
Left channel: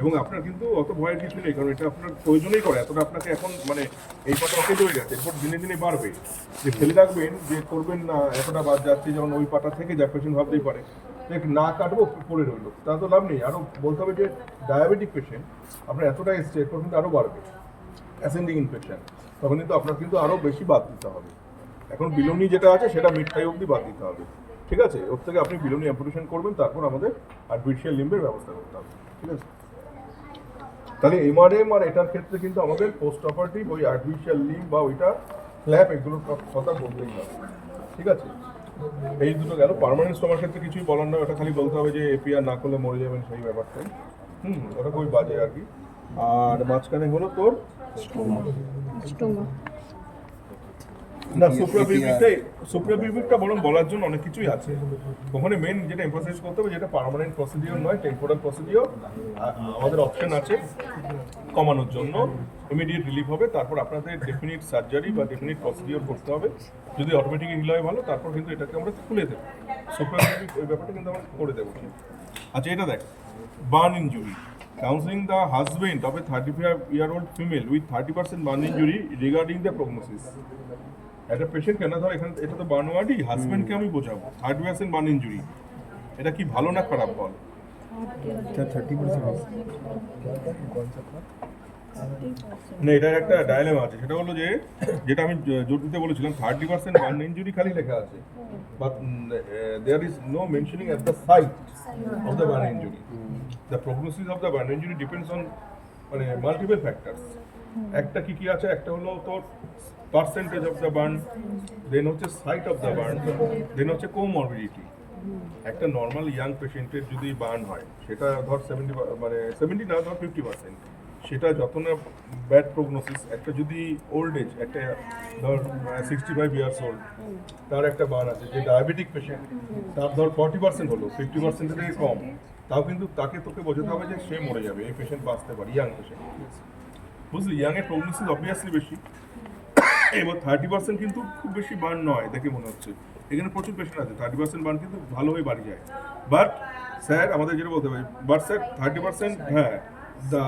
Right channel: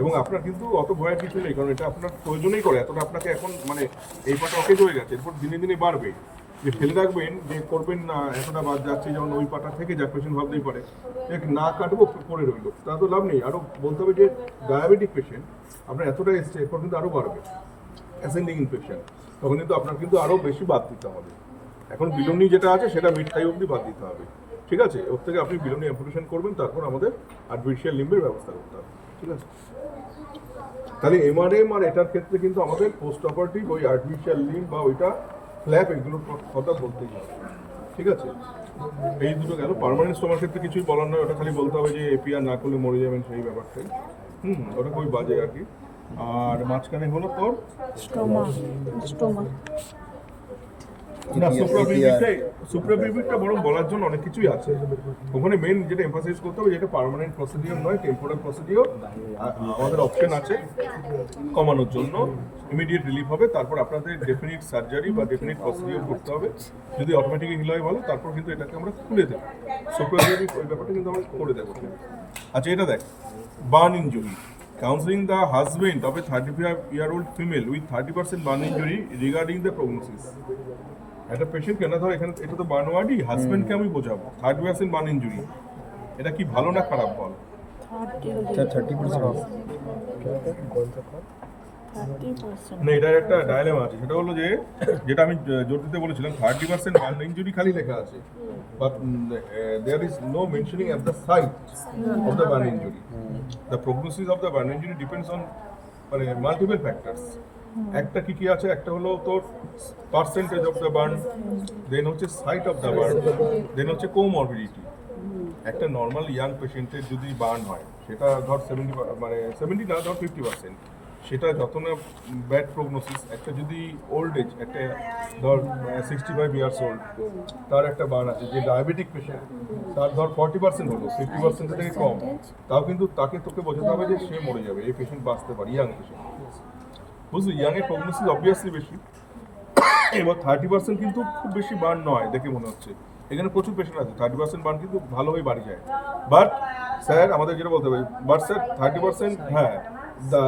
এবং আপনার কিন্তু অত ভয়ের কিছু নেই, কারণ এটা আপনার প্রয়োজনেই করে, এতটা আপনাকে এখন মানে এই পাটা অকেজ হয়ে গেছে, এরপর দিনে দিনে বাড়বে। যে ফেলে রাখবেন যে করবেন না এতটা বাদ যাচ্ছে, যেমন ওই পাটা থেকে যাক, পেশেন্ট ভাবতেই পারে এক না কাটবো পড়ে রইলো, তা তো লাভ নেই। আরও বলতে হবে যে ডায়াবেটিক পেশেন্ট আপনার এতটা এসছে, এরপর কিন্তু আরও বাড়বে, অ্যাসেন্ডিং ইনফেকশন, তখন কিন্তু আপনার কিন্তু আরও বেশি বাদ দিতে হবে। এখন বিলোনি যেটা আছে সেটা মিড থাই অবধি বাদ দিতে হবে, ঠিক আছে? ওর থেকে আপনি বিলোনি অ্যাম্পুটেশন করবেন, তারপর আমাদের আর্টিফিশিয়াল লিম্বের ব্যবস্থা করতে হবে, ঠিক আছে? তাহলে এমআরএম আর এটার ক্ষেত্রে কিন্তু আমাদের পোস্ট অপারেটিভ ওই আর্টিফিশিয়াল লিম্ব বা ওইটা ফ্ল্যাপ এগুলোর কথা বলতেই হবে, ঠিক আছে? এই দুটো গেল। পার্মানেন্ট স্টোমার ক্ষেত্রে কিছুই বলার নয়, ওটা খালি বলতে হবে যে এপিআর না করলে মরে যাবেন, সেই ব্যাপারটাই। ওটা খুবই বাজে আর কি। আর মাঝখানে হলো তোর স্টোমা না সুপ্রাপিউবিকটা বরং বলার জন্য অনেক কিছুই আছে ওখানে। মেন যেটা এমফাসাইজ করতে হবে, যেটা পার্মানেন্ট প্রসিডিওর নয়, টেম্পোরাল প্রসিডিওর, আমাদের অপশন আছে কমানোর জন্য, ইমিডিয়েট রিলিফ হবে, তারপর আপনাদের ডেফিনিট সার্জারি বা ডেফিনিট প্রসিডিওর করতে হবে। যদি অটোমেটিক হিল হয় ভালো, তারপর কিন্তু এটাকে আমরা খুলে দেবো, সুপ্রাপিউবিক ওই ব্যাপারটা কিন্তু আমরা করে দেবো। আচ্ছা, এটা দেখ, burn injury, counseling the husband of a 35-year-old female with 30% burn injury regarding the prognosis. একটা পেশেন্ট কেন ধর এখানে, এটা তো বার্ন ওয়ার্ডই, হাজব্যান্ডকে আমি বোঝাবো 30% বার্ন ইনজুরি, এটা কি ভালো না খারাপ বল? না, এটার একটা ডায়লেমা আছে, সেটা হলো যে যেটা আমি জোর দিতে বলেছিলাম 30% বার্ন ইনজুরি খালি লেখা আছে, but there is no mentioning at the site of the burn injury. The prognosis of the burn injury depends on মানে মাল্টিপল ফ্যাক্টরস। একটা কি আছে, একটা হলো তোর percentage of the burn, then হচ্ছে site of the burn, then হচ্ছে comorbidity. একটা নর্মাল ইয়াং পেশেন্টের যদি বার্ন হয়, সেটা ধর 70 না ধর 50%, সেটা যত না ব্যাড প্রগনোসিস। একটা যদি ওল্ড এজ, একটা ধর 65 ইয়ার্স ওল্ড, তার একটা বার্ন আছে, যে ডায়াবেটিক পেশেন্ট, তার ধর 40% হলো, 50% থেকে কম, তাও কিন্তু তোকে বোঝাতে হবে যে সে মরে যাবে, এই পেশেন্ট বাঁচতে পারে, ইয়াং পেশেন্ট, বুঝলি? ইয়াংয়ের প্রগনোসিস অবভিয়াসলি বেশি। এবার 30% কিন্তু খুব বেশি বার্ন নয় দেখে মনে হচ্ছে, এখানে প্রচুর পেশেন্ট আছে 30% বার্ন কিন্তু ভালোভাবে বাড়ি যায়। বাট স্যার আমাদের যেটা বলতে হবে, বাট স্যার 30%, হ্যাঁ, the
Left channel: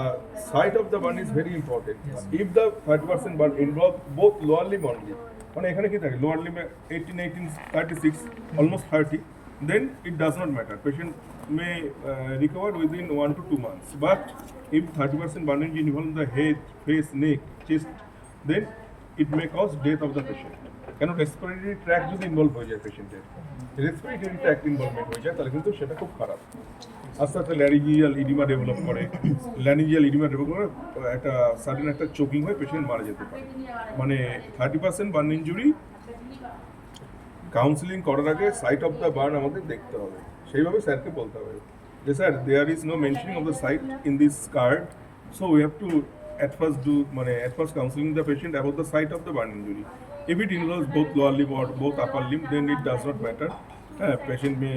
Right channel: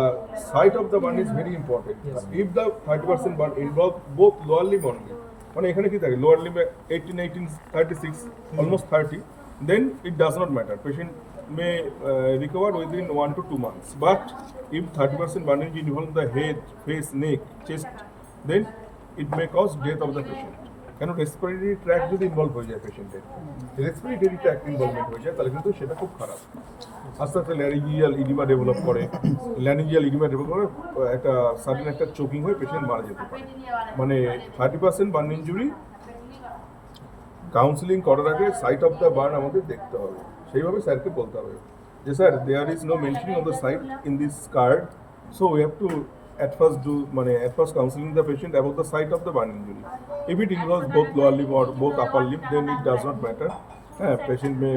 site of the burn is very important. If the 30% burn involve both lower limb only, মানে এখানে কি থাকে, lower limb 18, 36, almost 30, then it does not matter. Patient may recover within 1 to 2 months. But if 30% burn involve the head, face, neck, chest, then it may cause death of the patient. কেন respiratory track যদি involve হয়ে যায় পেশেন্টের, respiratory track involvement হয়ে যায়, তাহলে কিন্তু সেটা খুব খারাপ। আস্তে আস্তে ল্যারিঞ্জিয়াল ইডিমা ডেভেলপ করে, একটা সাডেন একটা চোকিং হয়ে পেশেন্ট মারা যেতে পারে। মানে 30% বার্ন ইনজুরি কাউন্সিলিং করার আগে সাইট অফ দ্য বার্ন আমাদের দেখতে হবে, সেইভাবে স্যারকে বলতে হবে যে sir there is no mentioning of the site in this card, so we have to at first counseling the patient about the site of the burn injury. If it involves both lower limb or both upper limb, then it does not matter. Patient may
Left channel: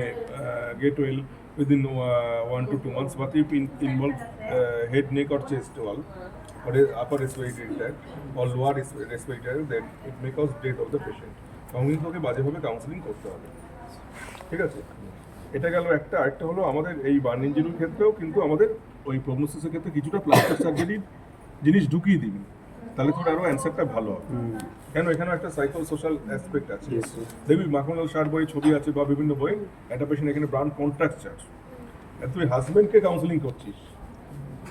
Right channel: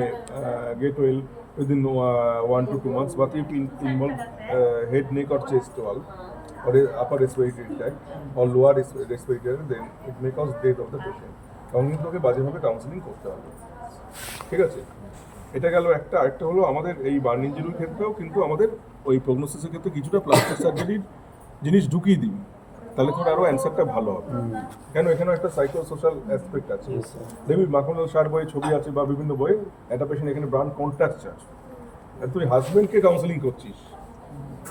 get well within 1 to 2 months, but if it involves head, neck or chest wall, or upper respiratory tract or lower respiratory, then it may cause death of the patient. তখন কিন্তু ওকে বাজেভাবে counselling করতে হবে, ঠিক আছে? এটা গেল একটা। আরেকটা হলো আমাদের এই বার্ন ইনজুরির ক্ষেত্রেও কিন্তু আমাদের ওই প্রগনোসিসের ক্ষেত্রে কিছুটা প্লাস্টিক সার্জারির জিনিস ঢুকিয়ে দিই, তাহলে তোর আরও অ্যান্সারটা ভালো হবে। কেন, এখানেও একটা সাইকো সোশ্যাল অ্যাসপেক্ট আছে। দেখবি মাখনলাল সার বইয়ে ছবি আছে বা বিভিন্ন বইয়ে, একটা পেশেন্ট এখানে ব্রান কন্ট্রাকচার, আর তুই হাজব্যান্ডকে কাউন্সিলিং করছিস,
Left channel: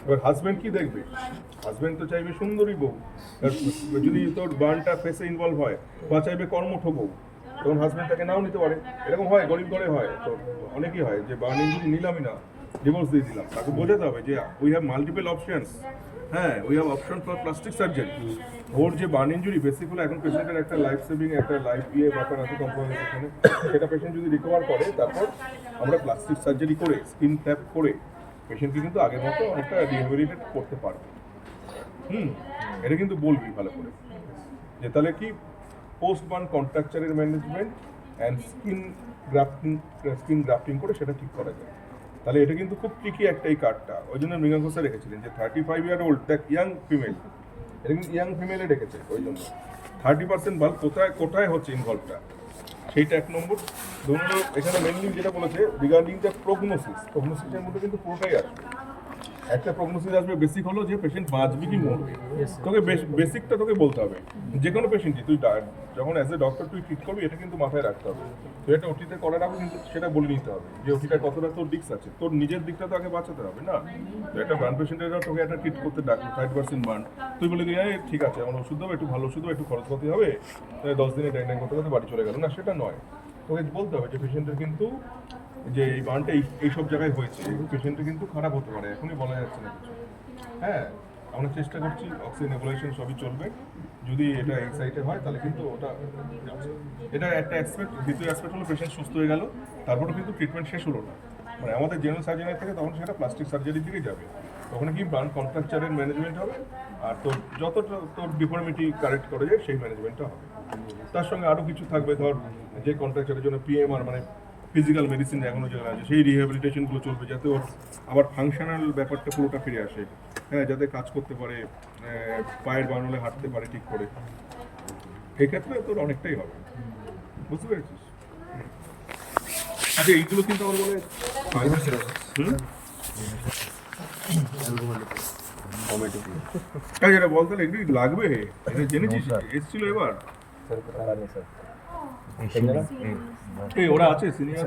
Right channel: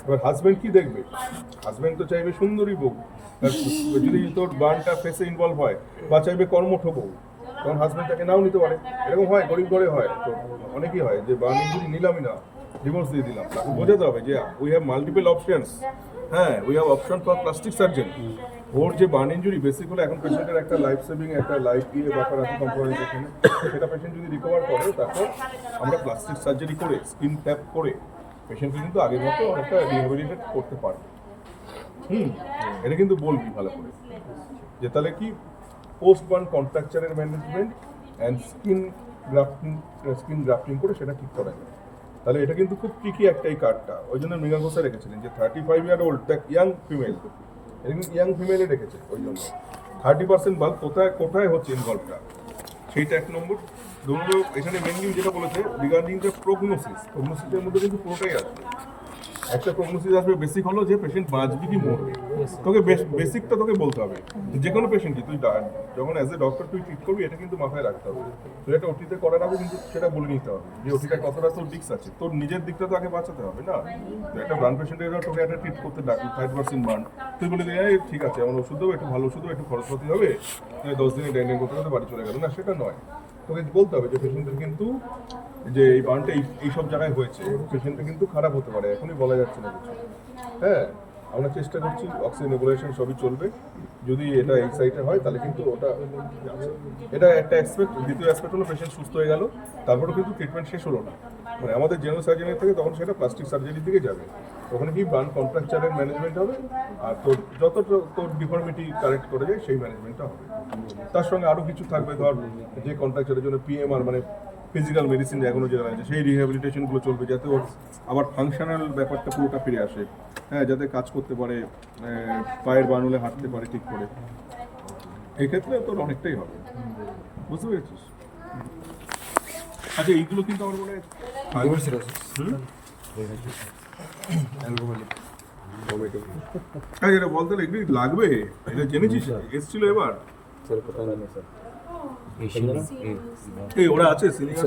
এবার হাজব্যান্ড কি দেখবে? হাজব্যান্ড তো চাইবে সুন্দরী বউ, যদি তোর বার্নটা ফেসে ইনভলভ হয়, বা চাইবে কর্মঠ বউ, তখন হাজব্যান্ড তাকে নাও নিতে পারে। এরকম হয়, গরিব ঘরে হয়, তো অনেকই হয় যে বার্ন ইনজুরি নিলামই না, ডিভোর্স দিয়ে দিলাম। তাকে বোঝাতে হবে যে উই হ্যাভ মাল্টিপল অপশনস, হ্যাঁ, we have option for plastic surgery. ওর যে বার্ন ইঞ্জুরি বেসিক হলো এখন পেশেন্টের একটা লাইফ সেভিং একটা লাইফ দিয়ে ব্যাপার আছে কম্প্রোমাইজ এখানে, সেটা পেশেন্ট যদি রিকভার করে তারপর আমরা প্লাস্টিক সার্জারি করে স্কিন ট্যাপ করে পেশেন্টকে কিন্তু আগের মতো অনেকটা রিহ্যাবিলিটেট করতে পারবে। এটা কিন্তু বলবি ভালো করে যে তাহলে কি পোস্ট বার্ন কন্ট্রাকচারের ম্যানেজমেন্ট অ্যান্ড স্কিন গ্রাফটিং করে সেটা ঠিক করা যায়। তাহলে এটা কিন্তু খুব ট্রিকি একটা এই কার্ডটা, ওই জন্য মৃগাঙ্ক স্যার রেখেছিলেন যে 35 year old that young female, এটা কিন্তু ইয়াং ফিমেলে রেখেছে ওই জন্য 30% বাল্ব কোথায় কোথায় হচ্ছে ইনভলভটা সেইটা এক নম্বর। দু নম্বর এখানে মেনলি যেটা বলেছে রিগার্ডিং দ্য প্রগনোসিসের মধ্যে কিন্তু পুরোটাই আসবে। একটা প্রগনোসিস আসবে বেসিক হলো যে পেশেন্ট বাঁচবে কি মরবে, তোকে বেসিকটা তোকে বলতে হবে। যে কোনো পেশেন্টই তুই যখন অ্যাজ এ ডক্টর তুই ট্রিট করবি এটা কিন্তু মাথায় রাখতে হবে। তুই একটা ওটিতে করার আগে কিন্তু সেটা বলে নিতে হবে যে ওটিটা কতটা তোর রিস্ক আছে, তোর নিজের দিকটা তো আগে বাঁচাতে হবে না। তো একটা ব্রান পেশেন্টের তোকে একটা ট্রিট করতে ডাকলি 30% বার্ন, তুই বলে দিয়ে ঠিক আছে আমার ওষুধ দেবো, একটু ভালো ওষুধ দেবো, একটু খরচপাতি হবে, 10 দিনে ডাইন করতে করতে বাড়ি চলে গেল না, সেটা নয়। তোকে বলতে হবে যে পেশেন্টের কিন্তু যে এই বার্নটা এইসব জায়গায় হয়েছে, পেশেন্টটা কিন্তু খারাপ হতে পারে, এখনই বলা যাচ্ছে না কিছু। হ্যাঁ, আমরা চেষ্টা করছি অক্সিজেন নেবুলেশন সবই চলবে, যদি এটা এই সাইডে হয় তাহলে কিন্তু ওটা এটা একটা অ্যাসপেক্ট। দ্বিতীয় অ্যাসপেক্ট হলো পেশেন্ট সুস্থ হয়ে গেল, তারপরেও কিন্তু ট্রিটমেন্ট শেষ হলো না, মানে আমাদের জেনারেল সার্জারির থেকে তখন সেটা প্লাস্টিক সার্জারির দিকে যাবে। ওখানে কি বার্ন কন্ট্রাকচারের ম্যানেজমেন্ট হবে, আর তোর যত তোর ডিফর্মিটি কারেক্ট করে যায় সেই ম্যানেজমেন্টটা হবে। তার সঙ্গে আরও কিছু থাকবে, ধর যে কন্ট্রাকচারের জন্য পিএমআর মানে ফিজিক্যাল মেডিসিন এখনো যেগুলো আছে সেই রিহ্যাবিলিটেশনগুলো চলবে, যাতে ওর আবার ফাংশনাল ব্যাপারটা পুরোটা ফিরে আসে। হ্যাঁ, যাতে কাজ করতে পারে, পায়ের বান হলে হাঁটতে পারে ঠিক করে। এই ক্ষেত্রে তোর অনেকটাই হবে, বুঝতে পেরেছিস? আচ্ছা, এইগুলো কিন্তু আমার মনে হয় যেটা বলতে এগুলি লাগবে, এটা জেনেছিস এসছিল এবার এই ওরা আছে senior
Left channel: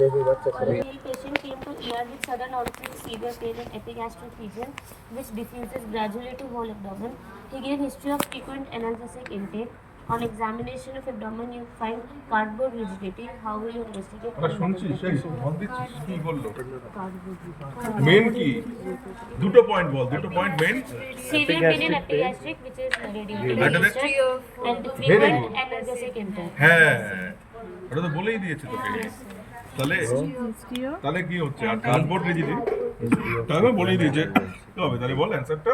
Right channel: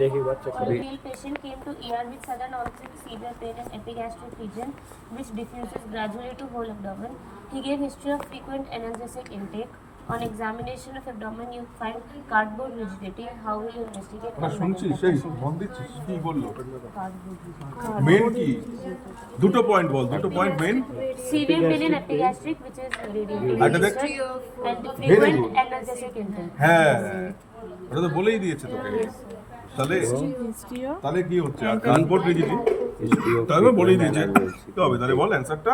Male patient came to ER with sudden onset severe pain and epigastric region, which diffuses gradually to whole abdomen. He gave history of frequent analgesic intake. On examination of abdomen, you find cardboard rigidity. How will you investigate? শুনছিস সেই phone দিচ্ছিস কি বললো main কি দুটো point বল, দুটো point main Severe pain in epigastric, which is radiating Better than- and Very frequent good. analgesic intake. হ্যাঁ এটা তো বলেই দিয়েছে তোকে। তাহলে তাহলে কি হচ্ছে আর কার্ডবোর্ড রিজিডি তাহলে বলেই দিয়েছে তো হবে। তাহলে বল অ্যান্সারটা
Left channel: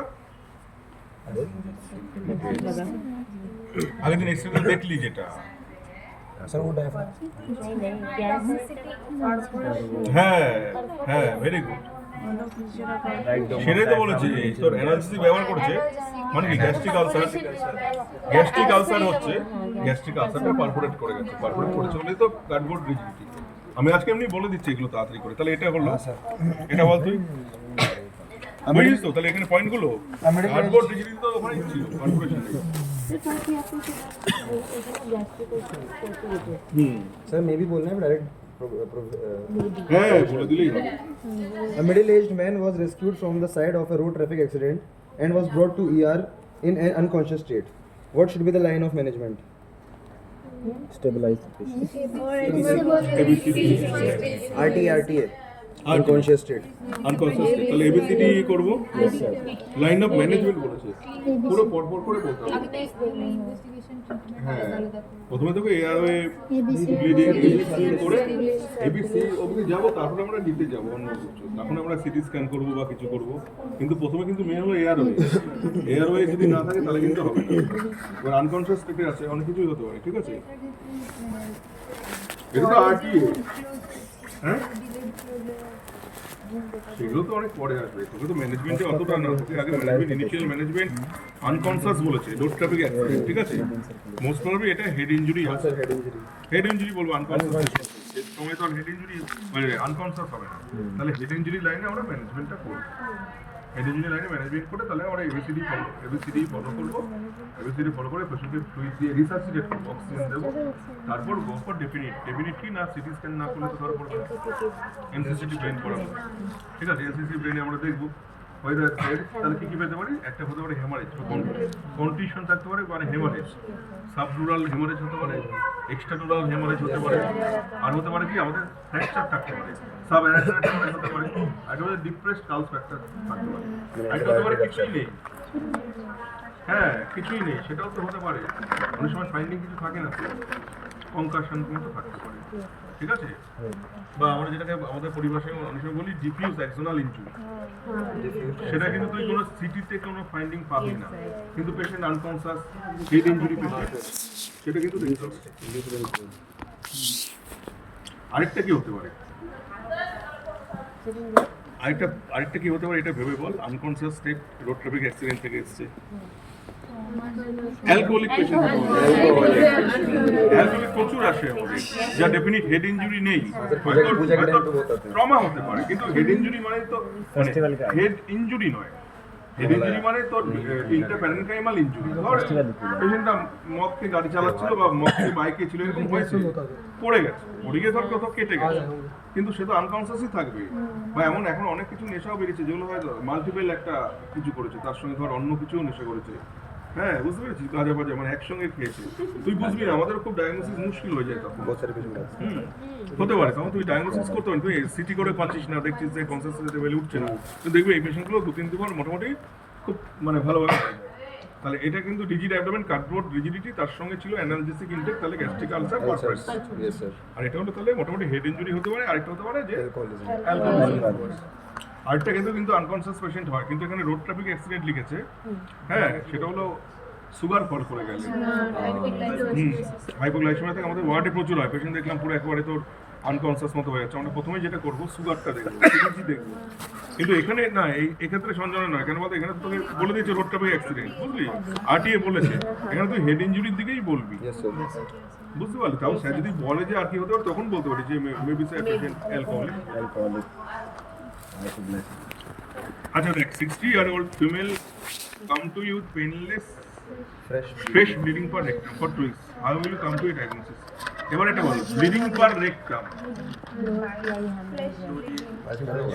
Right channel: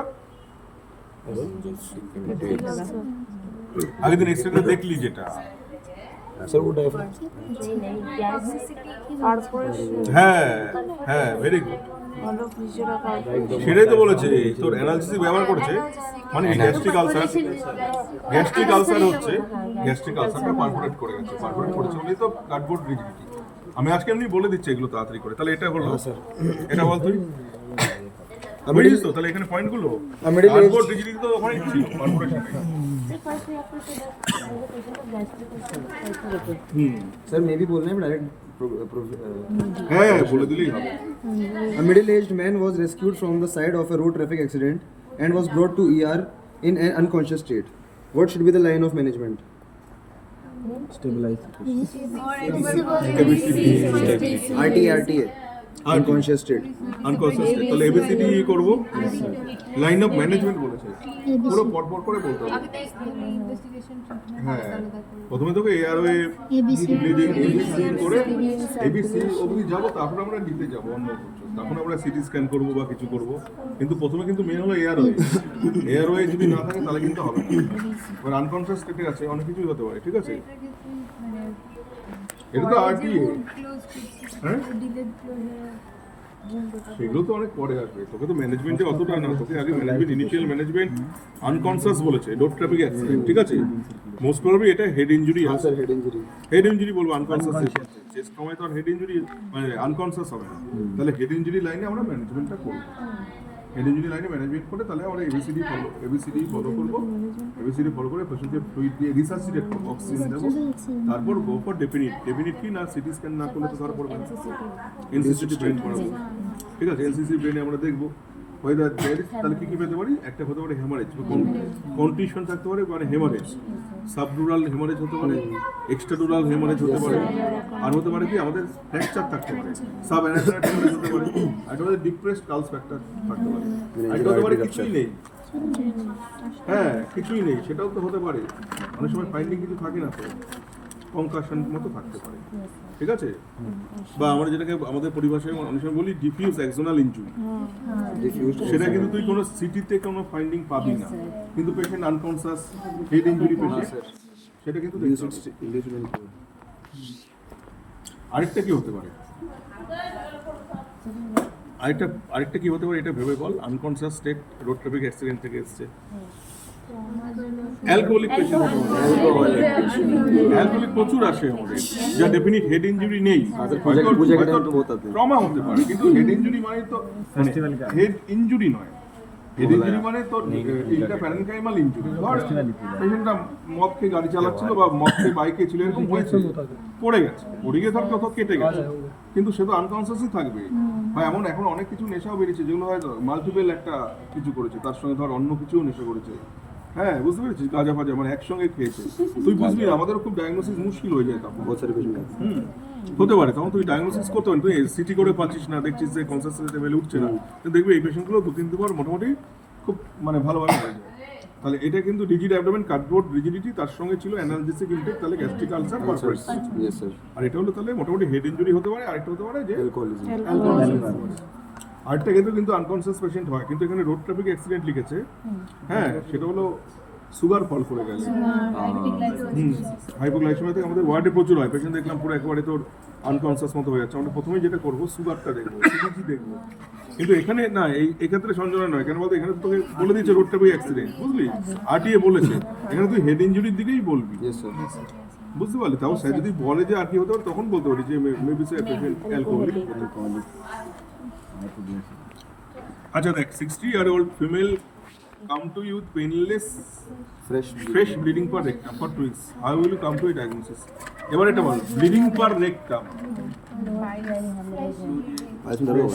আগের দিন এক্সট্রা দেখলি যেটা হ্যাঁ হ্যাঁ ভেরি গুড, সেটাই তো বলেছে তোর অ্যানালিসিস ব্যবহার করেছে মানে কি গ্যাস্ট্রিক আলসার হচ্ছে, গ্যাস্ট্রিক আলসারটা পারফোরেট করে গেছে, পারফোরেট করেছে বলেই তো কার্ডবোর্ড রিজিডিটি। আমি আজকে এমনি বলে দিচ্ছি এগুলো তাড়াতাড়ি করে, তাহলে এটা হলো এটা বল তুই বুঝিস তো। তাহলে এখানে পয়েন্টগুলো কার্ডবোর্ড রিজিডিটি তো ওখানে ছিল পারফোরেশন। सर मे भी बोलना है डायरेक्ट হ্যাঁ বলে দিলেই হবে। A middle-aged man was rescued from the side of a road traffic accident and was brought to ER in an unconscious state. What should be the line of management? Stabilize. RTA. Unconscious state. Unconscious state, তাহলে ABCD করব। Line of management বলেছে পুরো পরপর করে বলতে হবে। হ্যাঁ, প্রথমে তোকে এয়ারওয়ে ব্লিডিং এবিসি করে এবিসি অবধি যাব, তারপরে আমরা ডিতে যাব অন্য কিছু, তখন আমরা সিটি স্ক্যান করব বা কিছু করব, কিন্তু প্রথমে কিন্তু মেন হলো এয়ারওয়ে যদি না থাকে তাহলে কিন্তু হবে না। এবার আনকনসিয়াস স্টেটে আছে অনেক কিছুই হতে পারে, ঠিক আছে? এটা তো আরটিএ, হ্যাঁ সেগুলো তো অনেক পরে আসবে, তোকে তো ম্যানেজমেন্টে অতটা না, তোকে আগে ম্যানেজমেন্ট ইনিশিয়াল ম্যানেজমেন্ট আনকনসিয়াস বলেছে রোড ট্রাফিক অ্যাক্সিডেন্ট, ঠিক আছে? মোস্ট প্রবাবলি এটা হেড ইনজুরি আছে, হেড ইনজুরি বলবো আনকনসিয়াস সময় তো হেড ইনজুরি মানে আনকনসিয়াস হবে না, তাহলে হেড ইনজুরি লাইনে আমরা ম্যানেজমেন্টটা করব। হেড ইনজুরি লাইনে ম্যানেজমেন্ট করে তাহলে আমরা এবিসিডি ফলো করবো, এবিসিডি ফলো করে পেশেন্টকে ফ্লুইড দিয়ে রিসার্সিটেট করবো, অক্সিজেন দেবো, তারপর গো ফর ডেফিনিট কি না সিটি স্ক্যান না করলে তো ধরা পড়বে না, এনসিসিটি ব্রেন করাবো, ঠিক আছে? এনসিসি ব্রেনে আমরা দেখবো whether there is তাহলে কি পেতে পারি, একটা হতে পারে হেমারেজ, কন্ডিশন থাকতে পারে মানে হেমারেজ, সাবডুরাল হেমারেজ হতে পারে, এক্সট্রাডুরাল হেমারেজ হতে পারে, আর হতে পারে কি আমাদের ফ্র্যাকচার থাকতে পারে, সাব অ্যানাটমিক হেমারেজ হতে পারে, আর আমাদের ডিপ্রেসড কালস ফ্যাক্টর থাকতে পারে, আর হতে পারে কিছুই নেই। হ্যাঁ, কিছুই নেই, সেটাও তো হতে পারে। অনেক সময় ফাইন্ডিং কিছু থাকে না, তো কনকাশন মতো থাকতে পারে, ঠিক আছে? বা আমরা যেটাকে আমাদের পরিভাষায় অনেক সময় বলি ডিফিউজ অ্যাক্সোনাল ইনজুরি, সেটা কিন্তু তুই কোনো সিটিতে কোনো ফাইন্ডিং পাবি না, কিন্তু patient unconscious head injury patient, সেটা কিন্তু দেখতে হবে। আরেকটা কি হতে পারে, আরেকটা কি হতে পারে, এটা ভেবে বল। Unconscious state, road traffic accident থেকে এসছে, অ্যালকোহলিক পেশেন্ট হতে পারে, অ্যালকোহলিক প্রচুর আসে আমাদের, যা ডেফিনিট হেড ইনজুরি নেই, ট্রমা হতে পারে, কিন্তু হেড ইনজুরি মানে তো হেড ইনজুরি নয়, হেড ইনজুরি মানে তো ইন্ট্রাপ্যারেনকাইমাল ইনজুরি। ধর পেশেন্টটা মদ খেয়ে গাড়ি চালাচ্ছিল বা মদ খেয়ে বাইকে ছিল, এরকম হয়েছে, পড়ে গেছে, পড়ে গিয়ে ধর কোথাও কেটে গেছে, কিন্তু সে তো আনকনসিয়াসই থাকবে। বা এমন এখন অনেক কিছু নেশাও বেরিয়েছে, যেগুলো হয়তো মাল্টিপল একটা কিছু করেছে, তার সঙ্গে ধর অন্য কিছুও নেশা করেছে। হ্যাঁ, বুঝতে পেরেছিস, গাঁজা ফাজা মানে একসঙ্গে খেয়েছে, তুই বুঝবি না, আমাদের খুব ডায়াগনোসিস মুশকিল হয়ে যায় তখন। হতে পারে তখন তুই ডায়াগনোসিস করতে পারি, তুই সিটি করে পাচ্ছিস না, দেখছিস যে কনসিয়াসনেস লেভেলে উঠছে না, তুই দেখবি এই পেশেন্টগুলো 2-3 বার মোটামুটি খুব মানে ভালোভাবে হয়ে যায়। তাহলে এটা কিন্তু রিজিড অ্যাবডোমেন, কার্ডবোর্ড রিজিডিটি, তার সঙ্গে ছিল অ্যানালজেসিক ইনটেক, তাহলে গ্যাস্ট্রিক আলসার পারফরেন্স। আর এটা হলো তাহলে মোটামুটি হেড ইনজুরি হতে পারে, আরেকটা হতে পারে যে অ্যালকোহলিজম। আরেকটা কিন্তু আনকনসিয়াস পেশেন্ট হয়, কিন্তু এখানে রোড ট্রাফিক অ্যাক্সিডেন্ট লিখেছে। হ্যাঁ, সেটা হলো সুগার ফল করে গেলে, হাইপোগ্লাইসেমিয়া থেকে আমাদের ওয়ার্ডে প্রচুর হয়, পেশেন্ট দেখলাম পুরো একেবারে তোর আনকনসিয়াস মতো হয়ে যাচ্ছে। আমরা প্রথমে যেটা করবো সুগারটা দেখবো, সিটিজি দেখবো, কিন্তু এখানে না, এই ক্ষেত্রে সঞ্জনা নয়, কেন বলতো এখানে তোকে বলে দিচ্ছে রোড ট্রাফিক অ্যাক্সিডেন্ট, বুঝলি, আরটিএ বলেছে, এখানে তুই হেড ইনজুরির দিকেই বলবি, বুঝতে পারলি? তাও স্যার যদি বলে যে আর কি হতে পারে, তখন বলতে পারি যে মেবি স্যার পেশেন্ট অ্যালকোহলিক। আচ্ছা দেখ, 60-year-old female come to you with painless fresh bleeding per rectum for 2 weeks. How will you come to a diagnosis? এবার এটা বল, ব্লিডিং পার রেকটাম,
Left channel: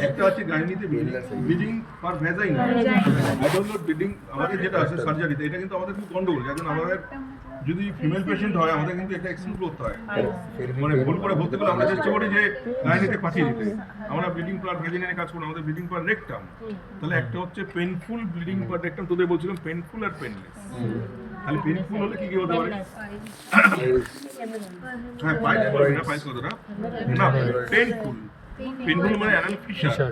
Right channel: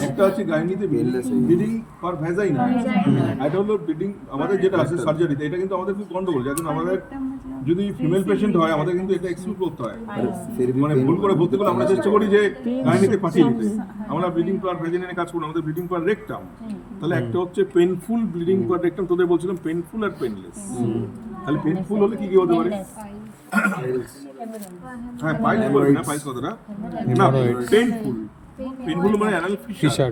একটা হচ্ছে গাইনিতে ব্লিডিং পার ভ্যাজাইনা, এটা হলো ব্লিডিং আমাদের যেটা আছে সার্জারিতে, এটা কিন্তু আমাদের খুব গন্ডগোল, যেমন আমাদের যদি ফিমেল পেশেন্ট হয় আমাদের কিন্তু এটা এক্সক্লুড করতে হয়, মানে ভুল করে ভর্তি করে আমরা চেষ্টা করি যে গাইনিতে পাঠিয়ে দিতে, আমরা ব্লিডিং পার ভ্যাজাইনা কাজ করি, আমাদের ব্লিডিং পার রেকটাম। তাহলে একটা হচ্ছে পেনফুল ব্লিডিং পার রেকটাম, তোদের বলছিলাম পেনফুল আর পেনলেস। তাহলে পেনফুল হলে কি হতে পারে? হ্যাঁ, পাইলস বলবি না, পাইলস কথাটা না, পেনফুল, পেনফুল মানে অ্যানাল ফিশার,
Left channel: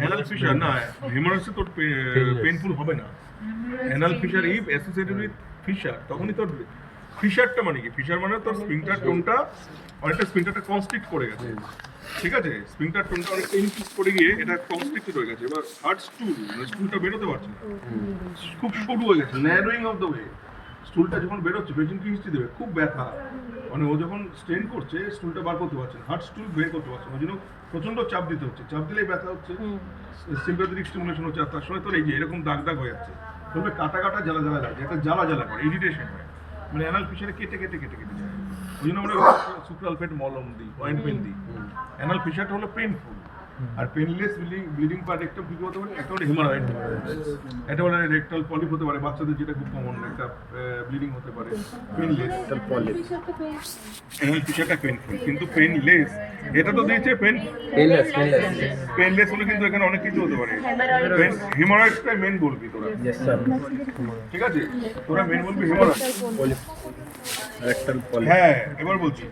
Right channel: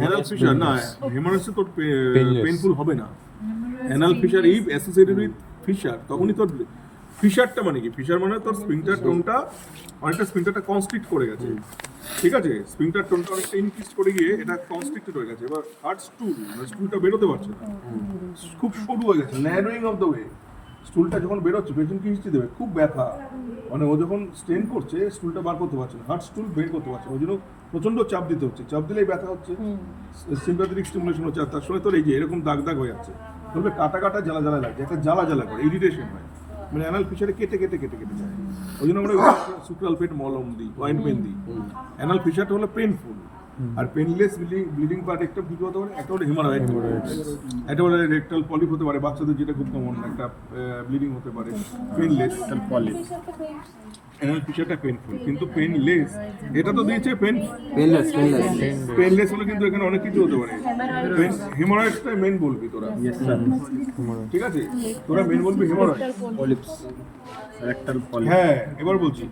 অ্যানাল ফিশার না, হেমারেজে তোর পেনফুল হবে না, anal fissure if associated with fissure, তখনই তোর ফিশারটা মানে কি, ফিশার মানে তোর স্পিংটার টোনটা অনেকটা, স্পিংটারটা কনস্ট্রিক্ট করে গেছে, ঠিক আছে, স্পিংটার টোনটা অনেকটা ইনক্রিজ করে গিয়ে এটা কনস্ট্রিক্টেড হয়ে গেছে, এবার হার্ট স্টুল, মানে স্টুলটা বেরোতে পারছে না, খুব সরু হয়ে গেছে, ন্যারোয়িং অফ দ্য ওয়ে, স্টুলটা যখন বেরোচ্ছে পেশেন্ট কি হিস্ট্রি দেবে, খুব ব্যথা, মানে ও যখন স্ট্রেন করছে স্টুলটা বার করতে পারছে না, হার্ট স্টুল বের করতে পারছে, ওই জন্য প্রচন্ড চাপ দিতে হচ্ছে, চাপ দিলেই ব্যথা হচ্ছে, সিম্প্যাথেটিক স্টিমুলেশন হচ্ছে, আর তার সঙ্গে তোর এই যে এরকম দাগ দাগ হয়ে যাচ্ছে, বলবে কাটা কাটা জ্বালা জ্বালা লাগছে, একটা জ্বালা জ্বালা করে ইরিটেশন হয়, মানে অ্যানাল ফিশারে কেটে কেটে কেটে কেটে যায়, ওই জন্য আমরা সুপ্রালফেট মলম দিই, অয়েন্টমেন্ট দিই। অ্যানাল ফিশারটা হলো পেনফুল, আর পেনলেস ব্লিডিং পার্ট একটা কি হতে পারে, একটা হলো হিমারয়েড, একটা হলো রেকটাল পলিপ হতে পারে, বাচ্চাদের যেটা খুব কমন একটা ব্লিডিং হতে পারে, পেনলেস পলিপ। অ্যানাল ফিশারটা পেনফুল, কিন্তু পেনলেস, এটা তো দিয়েছে পেনলেস হলে কিন্তু এখানে অনেক কিছু হতে পারে, হিমারয়েডটা মেন বলবি তোরা, ঠিক আছে, তোরা মেন বলবি হিমারয়েড, হ্যাঁ। এবার বলছি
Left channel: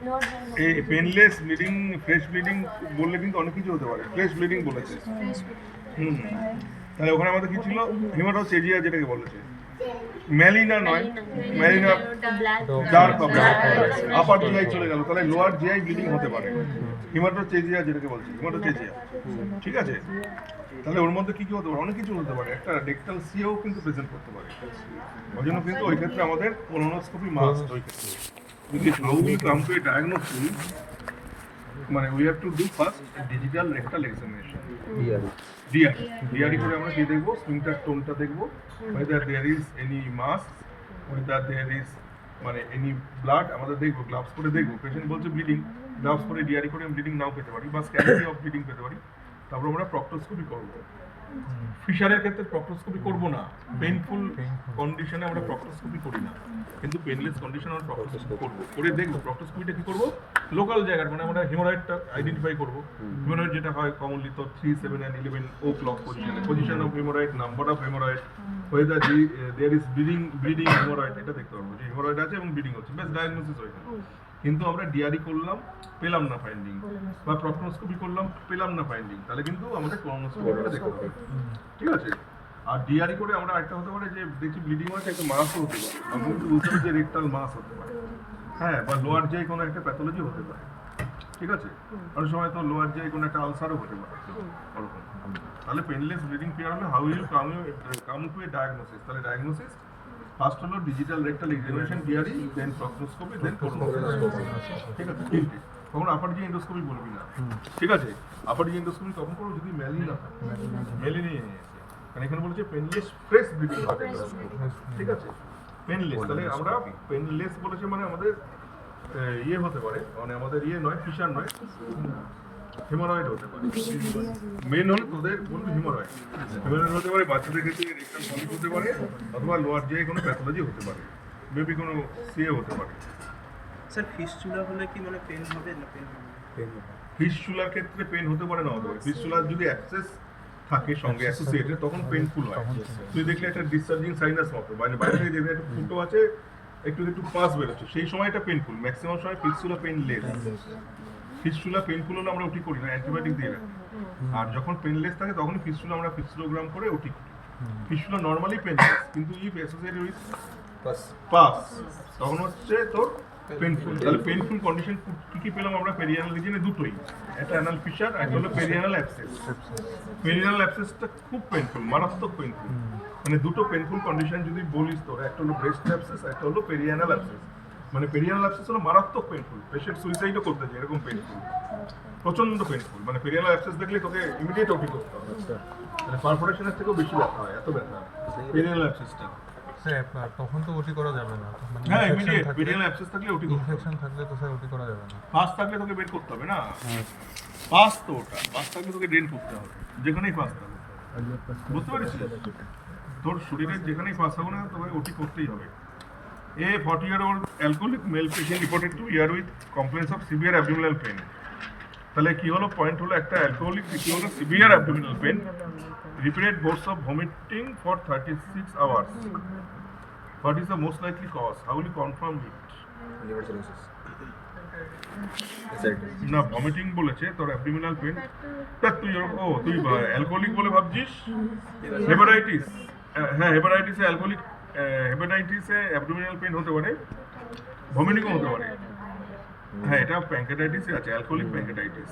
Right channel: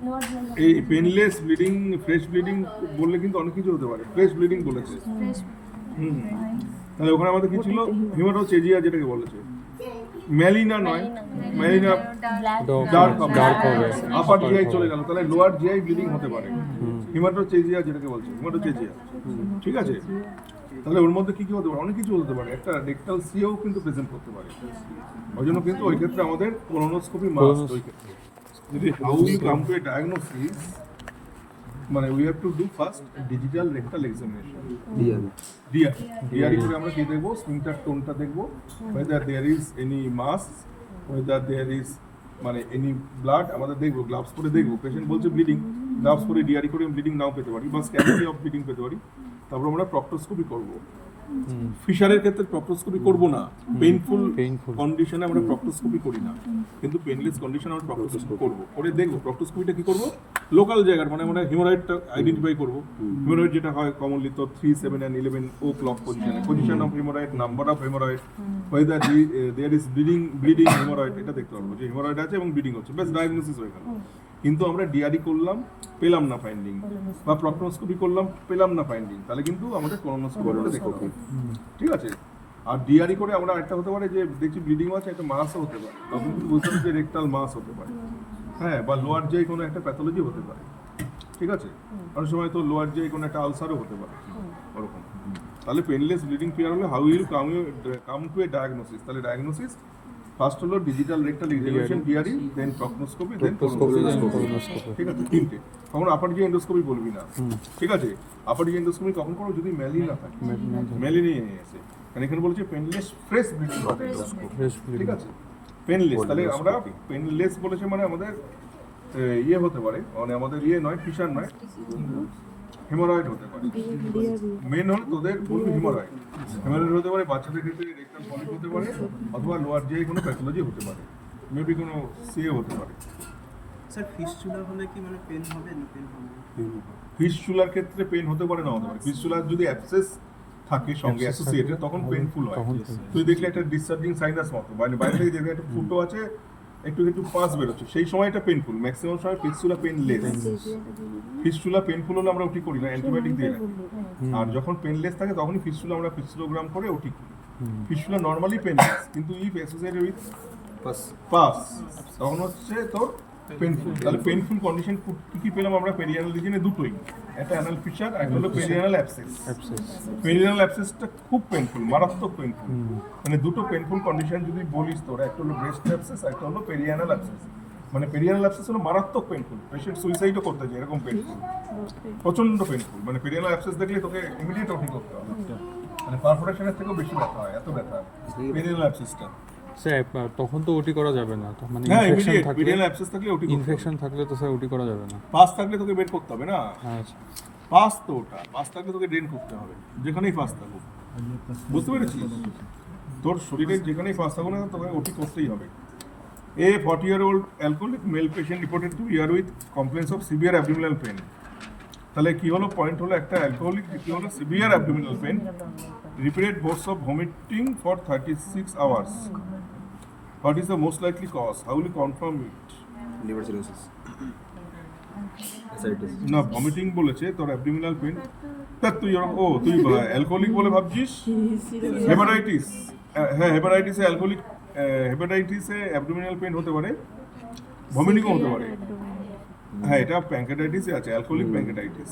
এই পেনলেস ব্লিডিং, ফ্রেশ ব্লিডিং বললে কিন্তু অনেক কিছু হতে পারে, ফ্রেশ ব্লিডিং বলেছে, তাহলে ওখানে আমাদের কি ছিল, হিমাটোচেজিয়া যেটাকে বলেছে, ম্যালিনা নয়, ম্যালিনা ডার্ক আপার জিআই চলে গেল, তাহলে লোয়ার জিআই ব্লিডিং হতে পারে, হিমাটোচেজিয়া যেটাকে বলছে, হিমাটোচেজিয়া, ঠিক আছে। তাহলে ওর মধ্যে কি কি হতে পারে, অনেক কিছু হতে পারে, একটা রেকটাল সিও কিন্তু প্রেজেন্ট করতে পারে, ওই জন্য কিন্তু ওই ক্ষেত্রে আমাদের কোলোনোস্কোপি মাস্ট, ওই ক্ষেত্রে যদি how we come to a diagnosis, মানে we have to do first digital rectal examination, DRE করে আমরা কি দেখবো, স্পিংটার টোনটা দেখবো, whether there is any mass, whether there is মানে এনি ব্লাড, আমাদের দেখবো, গ্লাভস পরে দেখবো, পেশেন্ট বলছে ব্লিডিং, গ্লাভস পরে ডিআরই করে ব্লিডিং নাও পেতে পারি, বা স্ক্যানিং অফ ব্লিডিং পেতে পারি, তারপর আমরা প্রক্টোস্কোপি করব। ফিশারের ক্ষেত্রে প্রক্টোস্কোপি করব না, পেইনফুল কন্ডিশনে আমরা প্রক্টোস্কোপি করি না, কিন্তু পেনলেস কন্ডিশনে আমরা প্রক্টোস্কোপি করব, করে দেখবো। প্রক্টোস্কোপিটা কি করব, লোকাল জায়গার মানে আমরা হিমোরয়েডটা আইডেন্টিফাই করব। হিমোরয়েড যেটা হয় কমনলি তো 3, 7 and 11 o'clock position of hemorrhoid, number of hemorrhoid, whether there is bleeding hemorrhoid, এটা দেখতে পারবো যে হিমোরয়েড আছে এবং ব্লিডিং হচ্ছে, ব্যাস ডায়াগনোসিস হয়ে গেল। কিন্তু আমরা ডিআরই করলাম, পেলাম না ফাইন্ডিং, বা প্রক্টোস্কোপি করলাম, পেলাম না ফাইন্ডিং, তাহলে কিন্তু আমাদের কোলোনোস্কোপি করে দেখতে হবে, ঠিক আছে। আর ডিআরই করে আমরা একটা হতে পারে যে দেখছি ব্লিডিং আছে, একটা মাসও হতে পারে, তখন কিন্তু বুঝতে পারি যে রেকটাল মাস হতে পারে, হ্যাঁ, বা লোয়ার যে কোনো একটা প্যাথোলজি হতে পারে, ঠিক আছে। অনেক সময় তো লোয়ার যে কোনো একটা আলসারও হতে পারে ওরকম। তাহলে পেনলেস ব্লিডিং ক্লিয়ার হলে how will come to a diagnosis, তাহলে ডায়াগনোসিস ফার্স্ট হলো digital rectal evaluation DRE, then proctoscopy, then colonoscopy, ঠিক আছে। তিনটে, তখন আপার জি এন্ডোস্কোপি বলবি না, ঠিক আছে। আপার জি এন্ডোস্কোপি কখন করো, যদি মেলি না থাকে, মেলি নিয়ে এসে, কারণ এখানে বলেছে পেনলেস ফ্রেশ ব্লিডিং, ঠিক আছে, পেনলেস। তাহলে আমরা পেনলেস বলেছে মানে আমাদের ইয়ে হতে পারে, মানে আমাদের ইয়ে নয়, ফিশার নয়, হেমোরয়েড হতে পারে। মেন হলো তোদের বলবি হিমোরয়েড, হিমোরয়েড হতে পারে, বাচ্চাদের ক্ষেত্রে রেকটাল পলিপ হতে পারে, অথবা লোয়ার যে কোনো প্যাথোলজি হতে পারে, মেবি কোনো সিএ হতে পারে। স্যার ফিস্টুলা হলে কি মানে পেন হবে না পেন হবে? ফিস্টুলার ক্ষেত্রে পেন হতে পারে, না হতে পারে। ফিস্টুলার যদি অ্যাবসেস থাকে সঙ্গে অ্যাসোসিয়েটেড, তখন পেইনফুল হয়। তুই দেখলে একটা ডিসচার্জিং সাইনাস মতো, মানে বাইরে থেকে দেখলে একটা ফুটো আছে, একটু একটু পাস বেরোচ্ছে, সেই সময় এটা পেইনফুল। ম্যাক্সিমাম সময় ফিস্টুলা পেনলেস। ফিস্টুলা পেইনফুল হলে আমরা ওটি করি না, অ্যান্টিবায়োটিক দিয়ে রাখি। আর যখন পেনলেস থাকে তখনই ফিস্টুলা আমরা ফিস্টুলোগ্রাম করে ওটি করি। ফিস্টুলা নর্মালি পেনলেস, কিন্তু ইফ অ্যাসোসিয়েটেড উইথ পাস, তখন হচ্ছে তোর পেইনফুল। তাহলে পেইনফুল কন্ডিশন কি কি পেলাম আমরা পেরিয়ানাল রিজনে? দুটোই, একটা অ্যানাল ফিশার, একটা হলো পেরিয়ানাল অ্যাবসেস। পেরিয়ানাল অ্যাবসেসটা খুব পেইনফুল, মারাত্মক পেইনফুল। মানে দুটো পেইনফুল কন্ডিশন যদি বলিস তোর, একটা হলো ব্রেস্ট অ্যাবসেস, একটা হলো পেরিয়ানাল অ্যাবসেস। মানে পেরিয়ানাল অ্যাবসেস হলো মারাত্মক পেইনফুল, পেশেন্ট সুইসাইডও করতে যায়, এরকম পেইনফুল, প্রচন্ড পেইনফুল। মানে পেরিয়ানাল অ্যাবসেস দেখলে তোকে ইমিডিয়েট ওটি করতে হবে, মানে পারফোরেশনের থেকেও বেশি ব্যথা হয়, এত ব্যথা পেরিয়ানাল অ্যাবসেসটা। স্যার তখন তো ওটি করা যাবে না, মানে হ্যাঁ, ইনফেকশন ইমিডিয়েট থাকলে, পেরিয়ানাল অ্যাবসেস থাকলে ওটি, ইনফেকশন থাকলে তো স্যার ওটি করা যাবে না। পাস থাকলে তোকে বের করতে হবে না, পাস তো ওটা, পাস থাকলে তোকে ড্রেন করতে হবে, যেখানেই পাস থাকুক, বুঝতে পেরেছিস? তোর শরীরের যেখানেই পাস থাকুক না, তোকে ওটি করতেই হবে। A 40-year-old alcoholic male patient reported to ER with complaints of severe abdominal pain. তাহলে কি হলো, পয়েন্ট হলো একটা অ্যালকোহলিক, কি হলো severe abdominal pain, repeated bouts of vomiting for 36 hours. What is the most likely cause? How will you confirm it? liver cirrhosis, ascites. না, vomiting বলেছে, তোর অ্যাবডোমিনাল পেন। তা তুই তুই অ্যালকোহলিক বলে ভাবছিস? হেপাটাইটিস, হ্যাঁ, হেপাটাইটিসে অ্যালকোহলিক, হেপাটাইটিসে অ্যাবডোমিনাল পেন হতে পারে, ভমিটিংও হতে পারে। হ্যাঁ, এটা প্যাঙ্কেটাইটিসে আছে, অ্যালকোহলিক প্যাঙ্কেটাইটিস।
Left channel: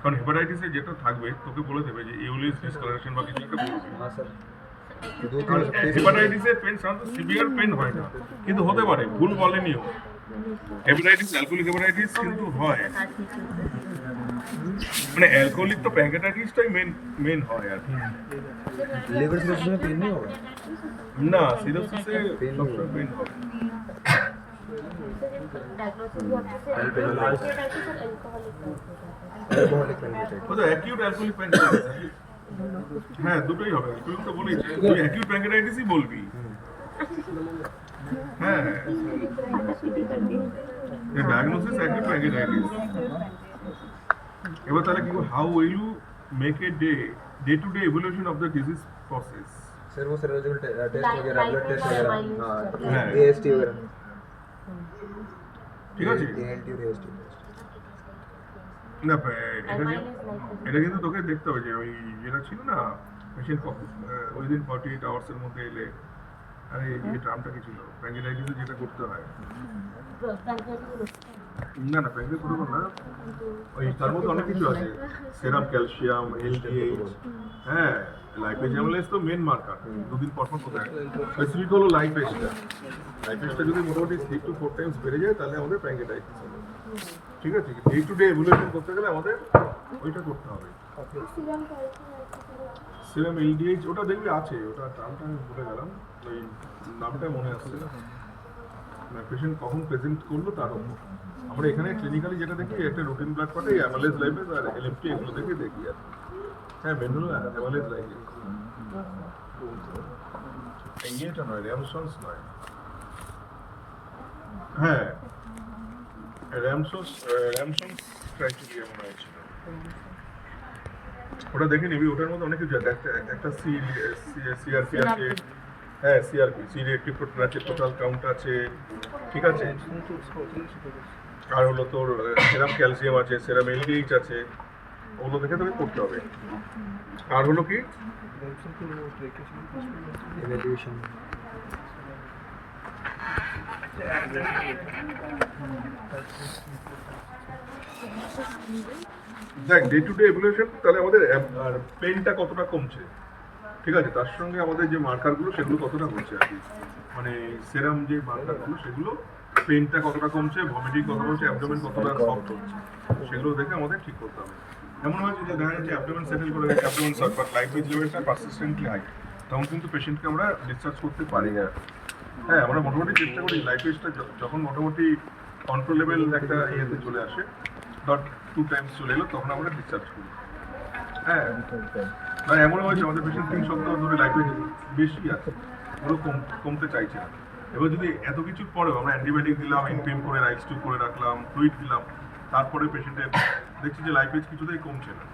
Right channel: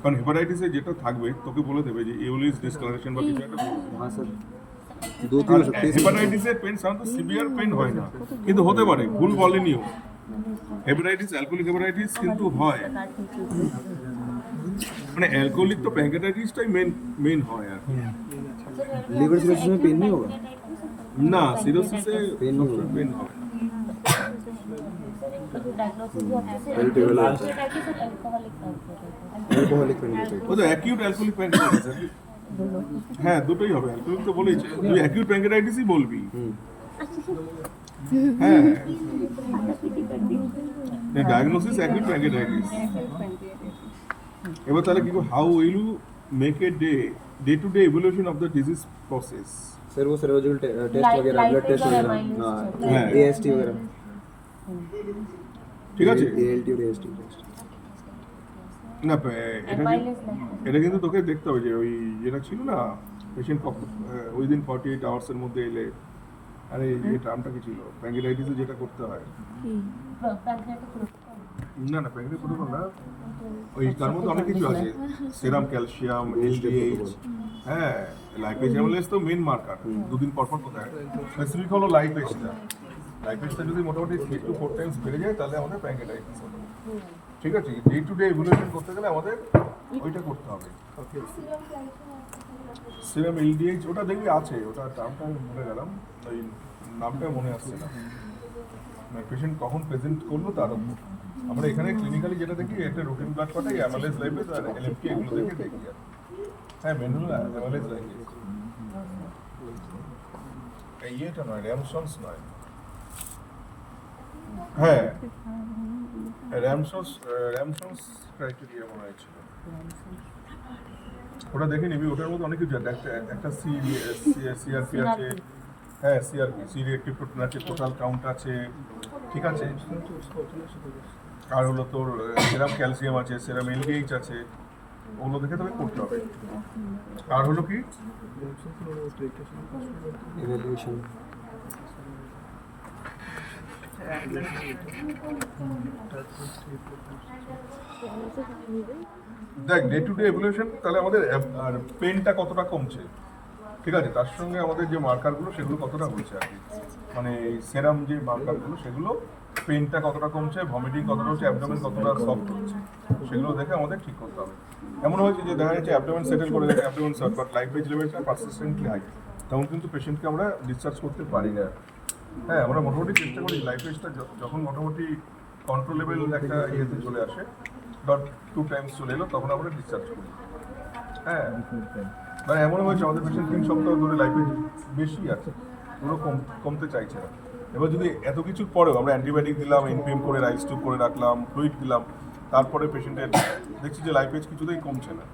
কারণ হেপাটাইটিসে যেটা থাকবে তোকে বলে দেবে যে ইউলিস ডিসকালারেশন বা কিছু একটা করবে। हाँ सर, दो तीन हो सकते हैं। হেপাটাইটিসের পেন সাধারণত সিভিয়ার পেন হয় না, কিন্তু হতে পারে, ভুল বলেনিও। হেপাটাইটিস, অ্যালকোহলিক হেপাটাইটিস কিন্তু হয়, মানে অ্যালকোহলিক তো প্যাঙ্কেটাইটিসটাই মেন হয় আর কি। liver cirrhosis में पेन नहीं होगा? না, সিরোসিসে পেন পেন হবে। alcoholic pancreatitis। ও তো অ্যাকিউট অ্যালকোহলিক প্যাঙ্কেটাইটিস, হ্যাঁ দুটোই হবে। অ্যালকোহলিক তো বলেইছি, তুই অ্যাকিউট প্যাঙ্কেটাইটিসই বলবি। হ্যাঁ, ডায়াগনোসিস অ্যাকিউট প্যাঙ্কেটাইটিস। এবার তাহলে কি, how will you make a day to day evolution of the disease process? Sir वो सर्जिकल टेस्ट वगैरह, ब्लड टेस्ट वगैरह, हाँ। AST वगैरह, ঠিক আছে। ALT और AST टेस्ट। না, এটা কিন্তু তোকে দেখতে হবে যে ওই যেটা ছিল না, পেশেন্ট উইদিন 48 আওয়ার্সের মধ্যে এলে, আরে এই টার্মটা কি ছিল, প্যাঙ্কেটাইটিসে যেটা করতে হয়, না প্যাঙ্কেটাইটিস প্রোটোকল না, ওই তার মধ্যে অনেক কিছু আছে, সেরাম ক্যালসিয়াম, LDH, হ্যাঁ, লাইপেজ অ্যামিলেজ তো মেন মার্কার, দুদিন পর কোথায় স্পেসিফিক হলো লাইপেজটা। লাইপেজটা যদি মোটামুটি 3 to 4 টাইমস বেড়ে যায়, তাহলে আমাদের প্যাঙ্কেটাইটিস হবে, ঠিক আছে। ডে টু ডে ইভলিউশন করতে গেলে আমাদের ওইটা করতে হবে। সিরাম LDH ওটা দেখবি আছে, ওটা টার্মটা আমি ভুলে গেলাম, ওই নামটাই মনে আসছে না। পেশেন্ট কখন প্রেজেন্ট করলো তার উপর। আমরা এখানে ক্লিনিক্যালি যেটা দেখি একটা রুটিন ব্লাড পাঠাই, অ্যামালেজ লাইফে আর এলএফটি এগুলো দেখে দেখি আর হ্যাঁ মেন হলো অ্যামালেজ লাইফে। এই এটা নয়, র্যামসন্স নয়, হ্যাঁ র্যামসন্স ক্রাইটেরিয়া মনে হয়েছিল, ওটা দেখে নিবি। ওটার মধ্যে অনেক কিছু আছে, একটা সিআরপি আছে, হ্যাঁ সিআরপি সি রিঅ্যাক্টিভ প্রোটিন আছে, টোটাল কাউন্ট আছে, ঠিক আছে। আর হলো তোর সেরাম ক্যালসিয়াম আছে, সেরাম এলডিএইচ আছে, ওগুলো দেখে তোকে করতে হবে। আর হলো কি evaluation. দেখ ডে টু ডে এভলিউশন, তাহলে আমাদের পেনটা কতটা কমছে, ঠিক আছে, তার সঙ্গে আমাদের যে মার্কারগুলো সেগুলো কতটা হচ্ছে আর কি, মানে সেরাম যে মার্কারগুলো সেগুলো পেনটা কতটা কমছে, ভমিটিং কতটা হচ্ছে, অ্যাবডোমেন কতটা সফট হচ্ছে, সেগুলো দেখে আমাদের ঠিক করতে হবে। এমন হয়েছে যে দেখা যাচ্ছে অ্যাবডোমেন সেটেল করে গেছে, অ্যাবডোমেন শর্ট, বাট লাইফেজ লেভেলটা পারসিস্টেন্টলি হাই, তখন কিন্তু পেশেন্টকে আমরা ডিসচার্জ করতে পারি না। হ্যাঁ আমরা মোটামুটি চেষ্টা করি লাইফেজটা যখন মোটামুটি কন্ট্রোলেবল একটা ইয়েতে চলে আসে, ডট 2 টাইমস চলে এলো, তখন আমরা ডিসচার্জ করি। হ্যাঁ মানে এমন হয়েছে আমাদের পেশেন্ট 3 সপ্তাহ ধরে লাইফে বেশি আছে, ওগুলো কমতে চাইছে না। এবার যদি এত কিছুর পরেও আমরা অ্যান্টিবায়োটিক দিলাম, এনপিএম করে রাইস টিউব করে রাখলাম, ফ্লুইড দিলাম, তারপরে পেশেন্টের দেখছি যে লাইফেজ কিছুতেই কমছে না,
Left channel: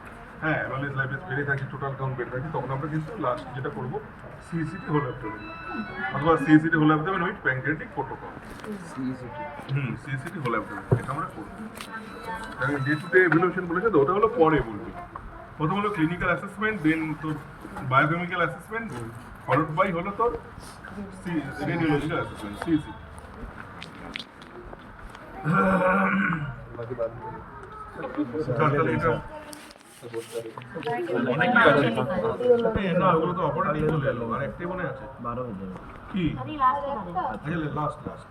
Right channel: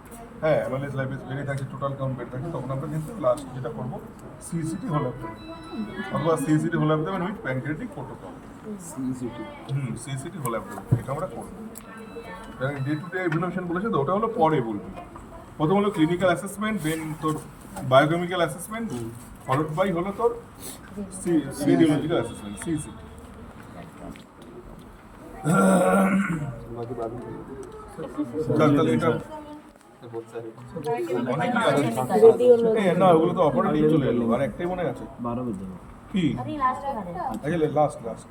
হ্যাঁ অ্যাভারেজ লাইফেজ বেড়ে থাকে, টোটাল কাউন্ট বেড়ে থাকে, তখন আমরা কিন্তু লাস্ট যেটা করবো সিইসিটি হোল অ্যাবডোমেন অথবা CECT whole abdomen with pancreatic protocol. CECT whole abdomen এটা আমরা করবো। ডে টু ডে এভলিউশন বলেছে তো, ওটা হলো পরে বলবি। প্রথম হলো ক্লিনিক্যাল অ্যাসেসমেন্ট, দেন তোর বায়োকেমিক্যাল অ্যাসেসমেন্ট, ফলোড বাই হলো তোর রেডিওলজিক্যাল অ্যাসেসমেন্ট সিইসিটি। তাহলে এটা অনেকই আছে না, ওগুলো তো অপারেটিভ চলে এলো, আর একটাই মনে আছে 12 বেজে কি अभी लास्ट हमारे আচ্ছা লাস্ট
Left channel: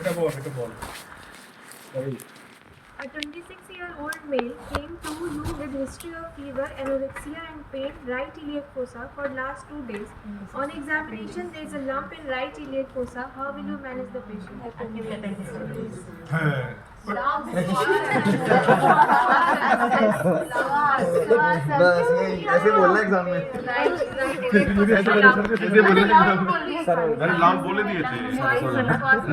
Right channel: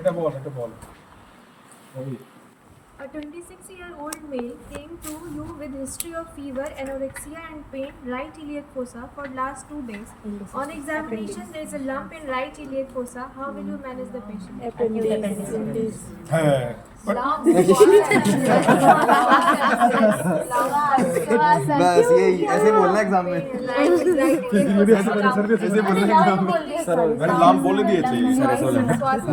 এটা বল A 26-year-old male came to you with history of fever, anorexia and pain right iliac fossa for last 2 days. On examination, there is a lump in right iliac fossa. How will you manage the patient? Appendix. হ্যাঁ बस यही ऐसे बोलना exam में। নাম বলে দিয়েছে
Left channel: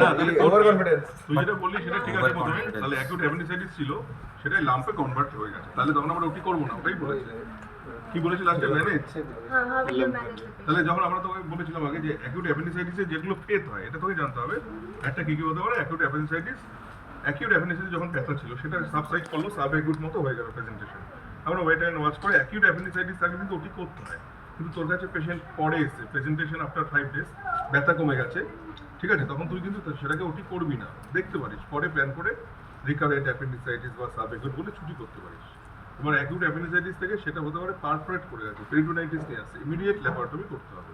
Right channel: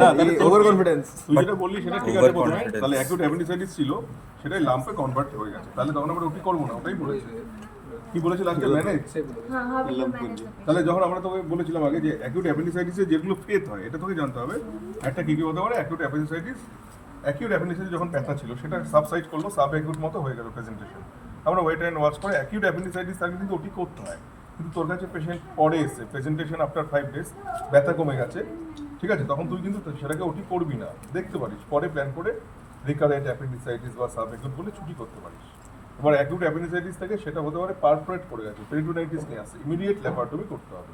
না, ओवर कॉन्फिडेंस। তুই যেটা বললি সেটা ঠিক আছে প্রথমে, তাহলে অ্যাকিউট অ্যাপেন্ডিসাইটিস ছিল, সেটাই লাম্পে কনভার্ট হয়ে গেছে, তাহলে তখন আমরা ওটি করবো না, ওটাই বলেছে। কি বলেছিল লাস্টে manage, How will you manage the patient? তাহলে যখন আমরা তোকে বলেছিলাম আগে যে অ্যাকিউট অ্যাপেন্ডিসাইটিসে যেগুলো ফেথ হয়, এটা তোকে জানতে হবে একটা কি কি হতে পারে। অ্যাকিউট অ্যাপেন্ডিসাইটিস যখন ব্যথা ছিল সেটা সাবসাইড করলো, সাব অ্যাকিউট মতো হয়ে গেল প্রেজেন্টেশন, আমরা ওয়েট অ্যান্ড ওয়াচ করে। অ্যাকিউট অ্যাপেন্ডিসাইটিস থাকলে কিন্তু ওটি করতে হয়, কিন্তু তোর কাছে পেশেন্ট পরে এসছে, প্রেজেন্টেশন আফটার 5 days, ব্যথা কমে গেছে, ঠিক আছে, তখন তুই কিন্তু সেটাকে ওটি করবি না, দেখতে পারিস, পরে প্ল্যান করে রিকারেন্ট অ্যাপেন্ডিসাইটিস বা সাব অ্যাকিউট বলে ছুটি করতে পারিস। এবার অ্যাকিউট অ্যাপেন্ডিসাইটিস থেকে সেটা হতে পারে পারফোরেট করে গেছে, পেরিটোনাইটিস নিয়ে আসে, ইমিডিয়েট ল্যাপারটমি করতে হবে,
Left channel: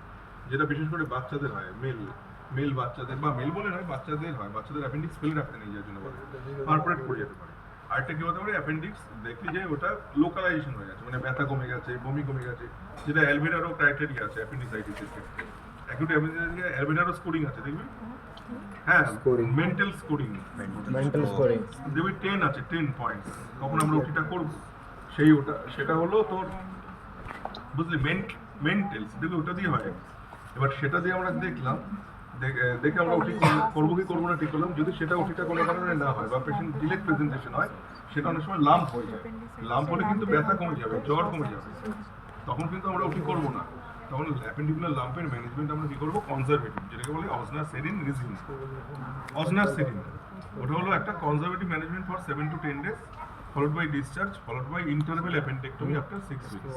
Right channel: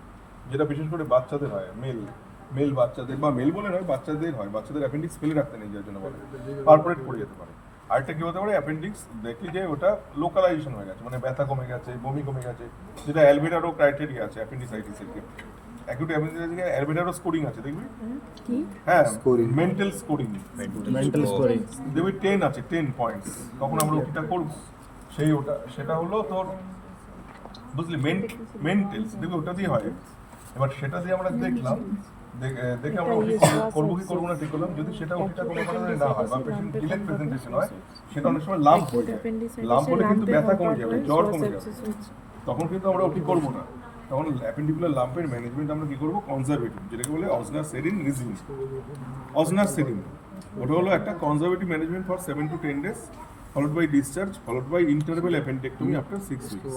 যেটা বিশেষ করে বাচ্চাদের হয়, মেল বাচ্চাদের বা মেল বলে নয়, বাচ্চাদের হয়, বাচ্চাদের অ্যাপেন্ডিক্স ফেলে রাখতে নেই, যার জন্য বলে পারফোরেট করে যেতে পারে। আরেকটা কি হতে পারে, অ্যাপেন্ডিক্স দেখলি যে ওটা লোকালাইজেশন হয়ে গেছে, মানে ব্যথা কমে গেছে, বমি কমে গেছে, যেটা অ্যালভিডারও ক্রাইটেরিয়া আছে অ্যাপেন্ডিসাইটিসের ক্ষেত্রে। অ্যাকিউট অ্যাপেন্ডিসাইটিসে অ্যালভিডারও স্কোরিং আছে, দেখবি হ্যাঁ, মেন্টাল স্কোরিং দেখবি 10 আছে, 10 পয়েন্টস, তখন আমরা ওটিটা করবো, সেটা হলো তোর বুঝলি মেন্টালস, দেখবি ওটা দিয়ে হয়। এবার সেটা দিয়ে আমরা দেখলাম, দেখে আমরা ওটি করবো কি করবো না ঠিক করলাম। যদি সেটা ওটিটা কোনো কারণে না হয় বা পেশেন্ট ডিলেট প্রেজেন্টেশন হয়, সেটা অনেক সময় লাম্প হয়ে যায়, লাম্প হলে কিন্তু ব্যথা কমে যাবে, জ্বর কমে যাবে, তখন কিন্তু আমরা ওটি করবো না। তখন অ্যাপেন্ডিকুলার লাম্পের ম্যানেজমেন্ট আমরা কি করবো, কনজারভেটিভ, যেটাকে বলে অজনাসেরিন রিজিম। অজনাসেরিন ওটা হলো একটা conservative management for 7 to 10 days, followed by discharge, followed by interval appendectomy after 6 weeks।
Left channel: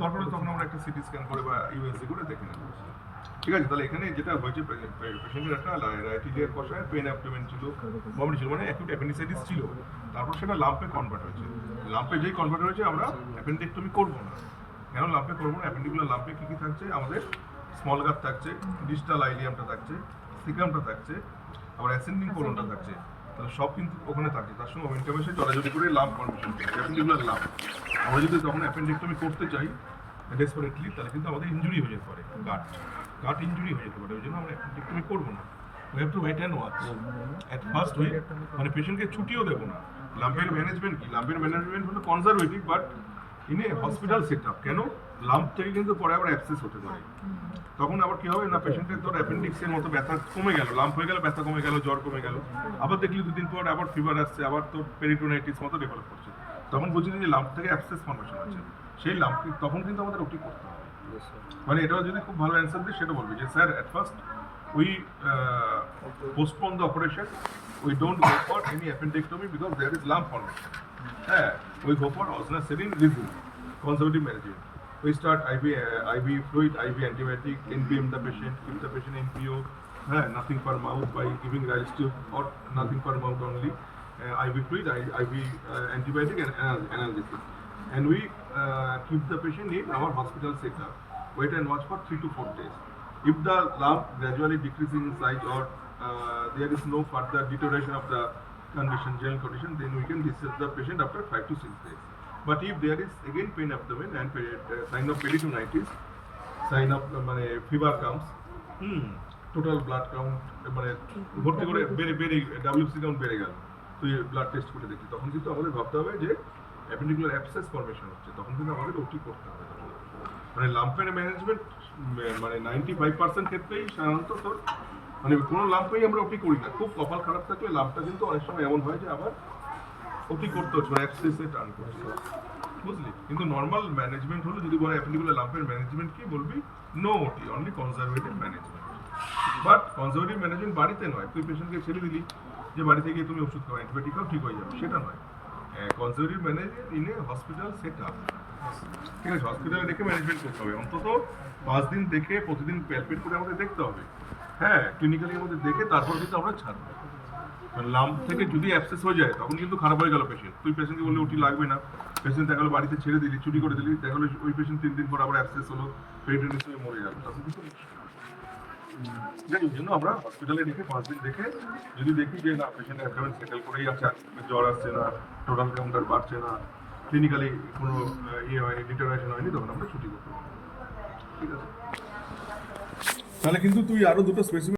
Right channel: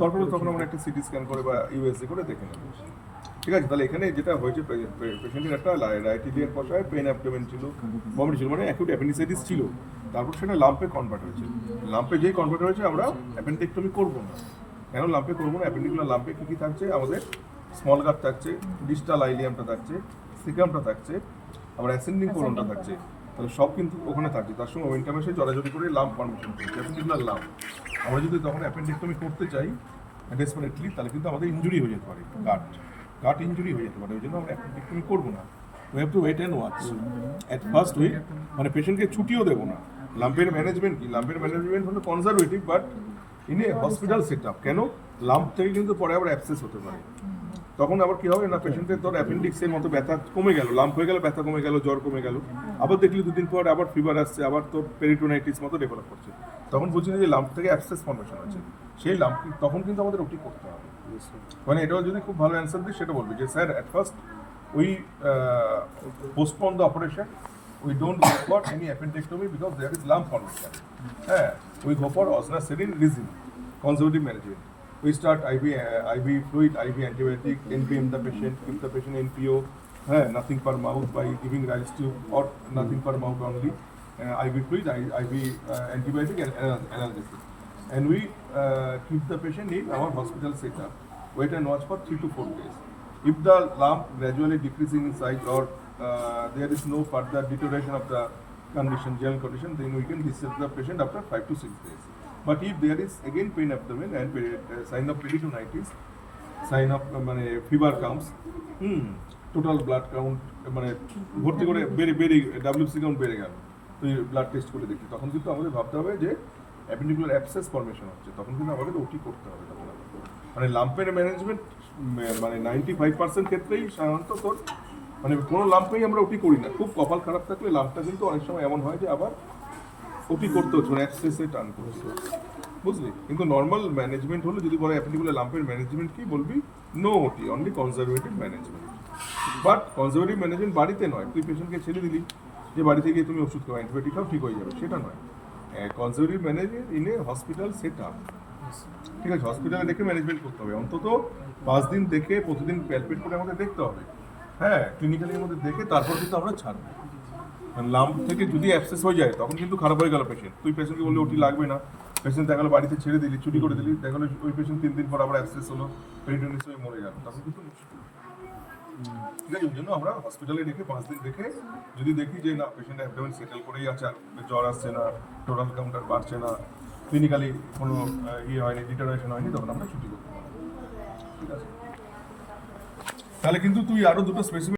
তারপরে তখন আমরা একটা সিটি স্ক্যান করে বা ইউএসজি করে দেখে নেব, ঠিক আছে। তাহলে এখানে যেটা হয়েছে, পেশেন্টের একটা রাইট ইলিয়াক ফসায় পেন অ্যাবডোমেন ছিল, বমি ছিল, মানে অ্যাকিউট অ্যাপেন্ডিসাইটিস ছিল, তারপর সেটা লাম্পে কনভার্ট হয়েছে। লাম্পে যেই কনভার্ট হয়েছে আমরা অ্যাপেন্ডেক্টমি করবো না, কেন লাম্পে করবো না, অ্যাপেন্ডিকুলার লাম্পে কী কী থাকছে, আমাদের স্মল গাট থাকছে, ডিস্টাল আইলিয়ামটা থাকছে, সিকামটা থাকছে, আবার অ্যাসেন্ডিং কোলনটা থাকছে, তাহলে সব কিন্তু ওখানে থাকে, তার সঙ্গে ওমেন্টাম এসে জড়াজড়ি করে লাম্প ফর্মেশন করছে, অ্যাপেন্ডিকুলার লাম্প। আমরা যদি তখন অ্যাপেন্ডেক্টমি করতে চাই ডেসপারেটলি, তাহলে কিন্তু আমাদের ইঞ্জুরি হয়ে যেতে পারে, গাট ইঞ্জুরি হয়ে যেতে পারে, ওই জন্য আমরা অ্যাপেন্ডেক্টমি করবো না। We have to wait and watch at first we মানে পেশেন্টকে ছুটিও দেবো না। লাম্পের ম্যানেজমেন্ট কি? লাম্পের ম্যানেজমেন্ট হলো conservative but in a hospital set up. কেন? লাম্প থেকে কিন্তু পরে আবার অ্যাবসেস হতে পারে। তখন আবার কি হবে না, পেশেন্টের তোর অ্যাপেন্ডিক্সের মতো ব্যথা কমে গেল, লাম্প হয়ে গেল, ব্যথা কমে গেল, জ্বর কমে গেল, আবার দেখলি দুদিন পর আবার ফিভার আসছে, আবার তোর পেরিটোনাইটিস মতো ডেভেলপ করছে, তখন বুঝলি যে লাম্প থেকে অ্যাবসেস ফর্মেশন আছে। সেই লাম্প তখন কিন্তু আমাদের ওটি করতে হবে। মানে এটাও যদি খুব ভালো অ্যান্সার দিই সেটা বলবি যে sir at first we postpone the operation, we don't go for any appendectomy because there is lump formation. We go for osnacerin resin, conservative management. We start IV fluid, IV antibiotic, NPM the patient, keep the patient NPO, nothing per mouth by giving rise to or nothing per mouth only, IV fluid, IV antibiotic and analgesic. And we keep the patient in our hospital setup. Wait and watch for 3 to 4 days. If the lump gradually decreasing in size or there is no further deterioration of the condition, general condition, then we can discharge the patient after 5 to 6 days. But if there is again pain abdomen and sign of peritonitis, sign of fever comes, total blood count ভর্তি করে বেড়ে WC count বেড়ে গেল, তুই blood test করে দেখি, তখন কিন্তু আমাদের ভাবতে হবে যে অ্যাপেন্ডিকুলার অ্যাবসেস ফর্মেশন হচ্ছে, তখন কিন্তু আমাদের ওটি করতে হবে। মানে লাম্পের ম্যানেজমেন্ট 95% ক্ষেত্রেই সাধারণত তোর কোনো লাম্পেই আমরা ওটি করি না। খুব কপাল খারাপ থাকলে লাম্পটা কিন্তু অনেক সময় এমন হয় যে আবার ওটি করতে হচ্ছে, অ্যাক্সেসে টার্ন করছে, বুঝলি? কিন্তু নর্মাল ম্যানেজমেন্ট হলো যদি বলে অ্যাপেন্ডিকুলার লাম্পের ম্যানেজমেন্ট কি, বলবি নো ওটি, only conservative management. But conservative management বাড়িতে নয়, তুই পেশেন্টকে ছেড়ে দিলি যে বাড়ি থেকে তুমি ওষুধ খাও, অ্যান্টিবায়োটিক খাও, ঠিক হয়ে যাবে, সেটা নয়। Conservative management in a hospital set up, ঠিক আছে? হসপিটালে দেখে ম্যানেজমেন্ট করতে হবে, অন্তত 5 দিন দেখে প্রতিদিন প্যালপেট করে আমাদের দেখতে হবে, ক্লিনিক্যালি আমাদের দেখে তারপর কিন্তু আমরা ছাড়বো। লাম্প থেকে যদি অ্যাবসেস হয়ে যায় তখন কিন্তু খারাপ হয়ে গেল পেশেন্ট, তুই পেশেন্টকে বললে ওটি লাগবে না, পেশেন্ট দেখা গেলো বাড়িতে ছেড়ে দিলি, ছুটি করে দিলি, দেখা গেলো ওই পেশেন্ট 3 দিন পর আবার অ্যাবসেস হলো, পেরিটোনিটিস হয়ে মরে গেল, তখন কিন্তু মুশকিল। ঠিক আছে, ওই জন্য আমরা হসপিটালে রেখে 5 দিন দেখে যদি দেখি যে না পেশেন্ট অ্যাবডোমেন সেটেল করেই আছে, জ্বর আসছে না, টোটাল কাউন্টার বাড়ছে না, ক্লিনিক্যালি কোনো হয়নি, ডিটারেশন হয়নি, তখন আমরা ছুটি করতে পারি। ঠিক আছে, তাহলে কিন্তু তুই আরও দুটো স্পেসিফিক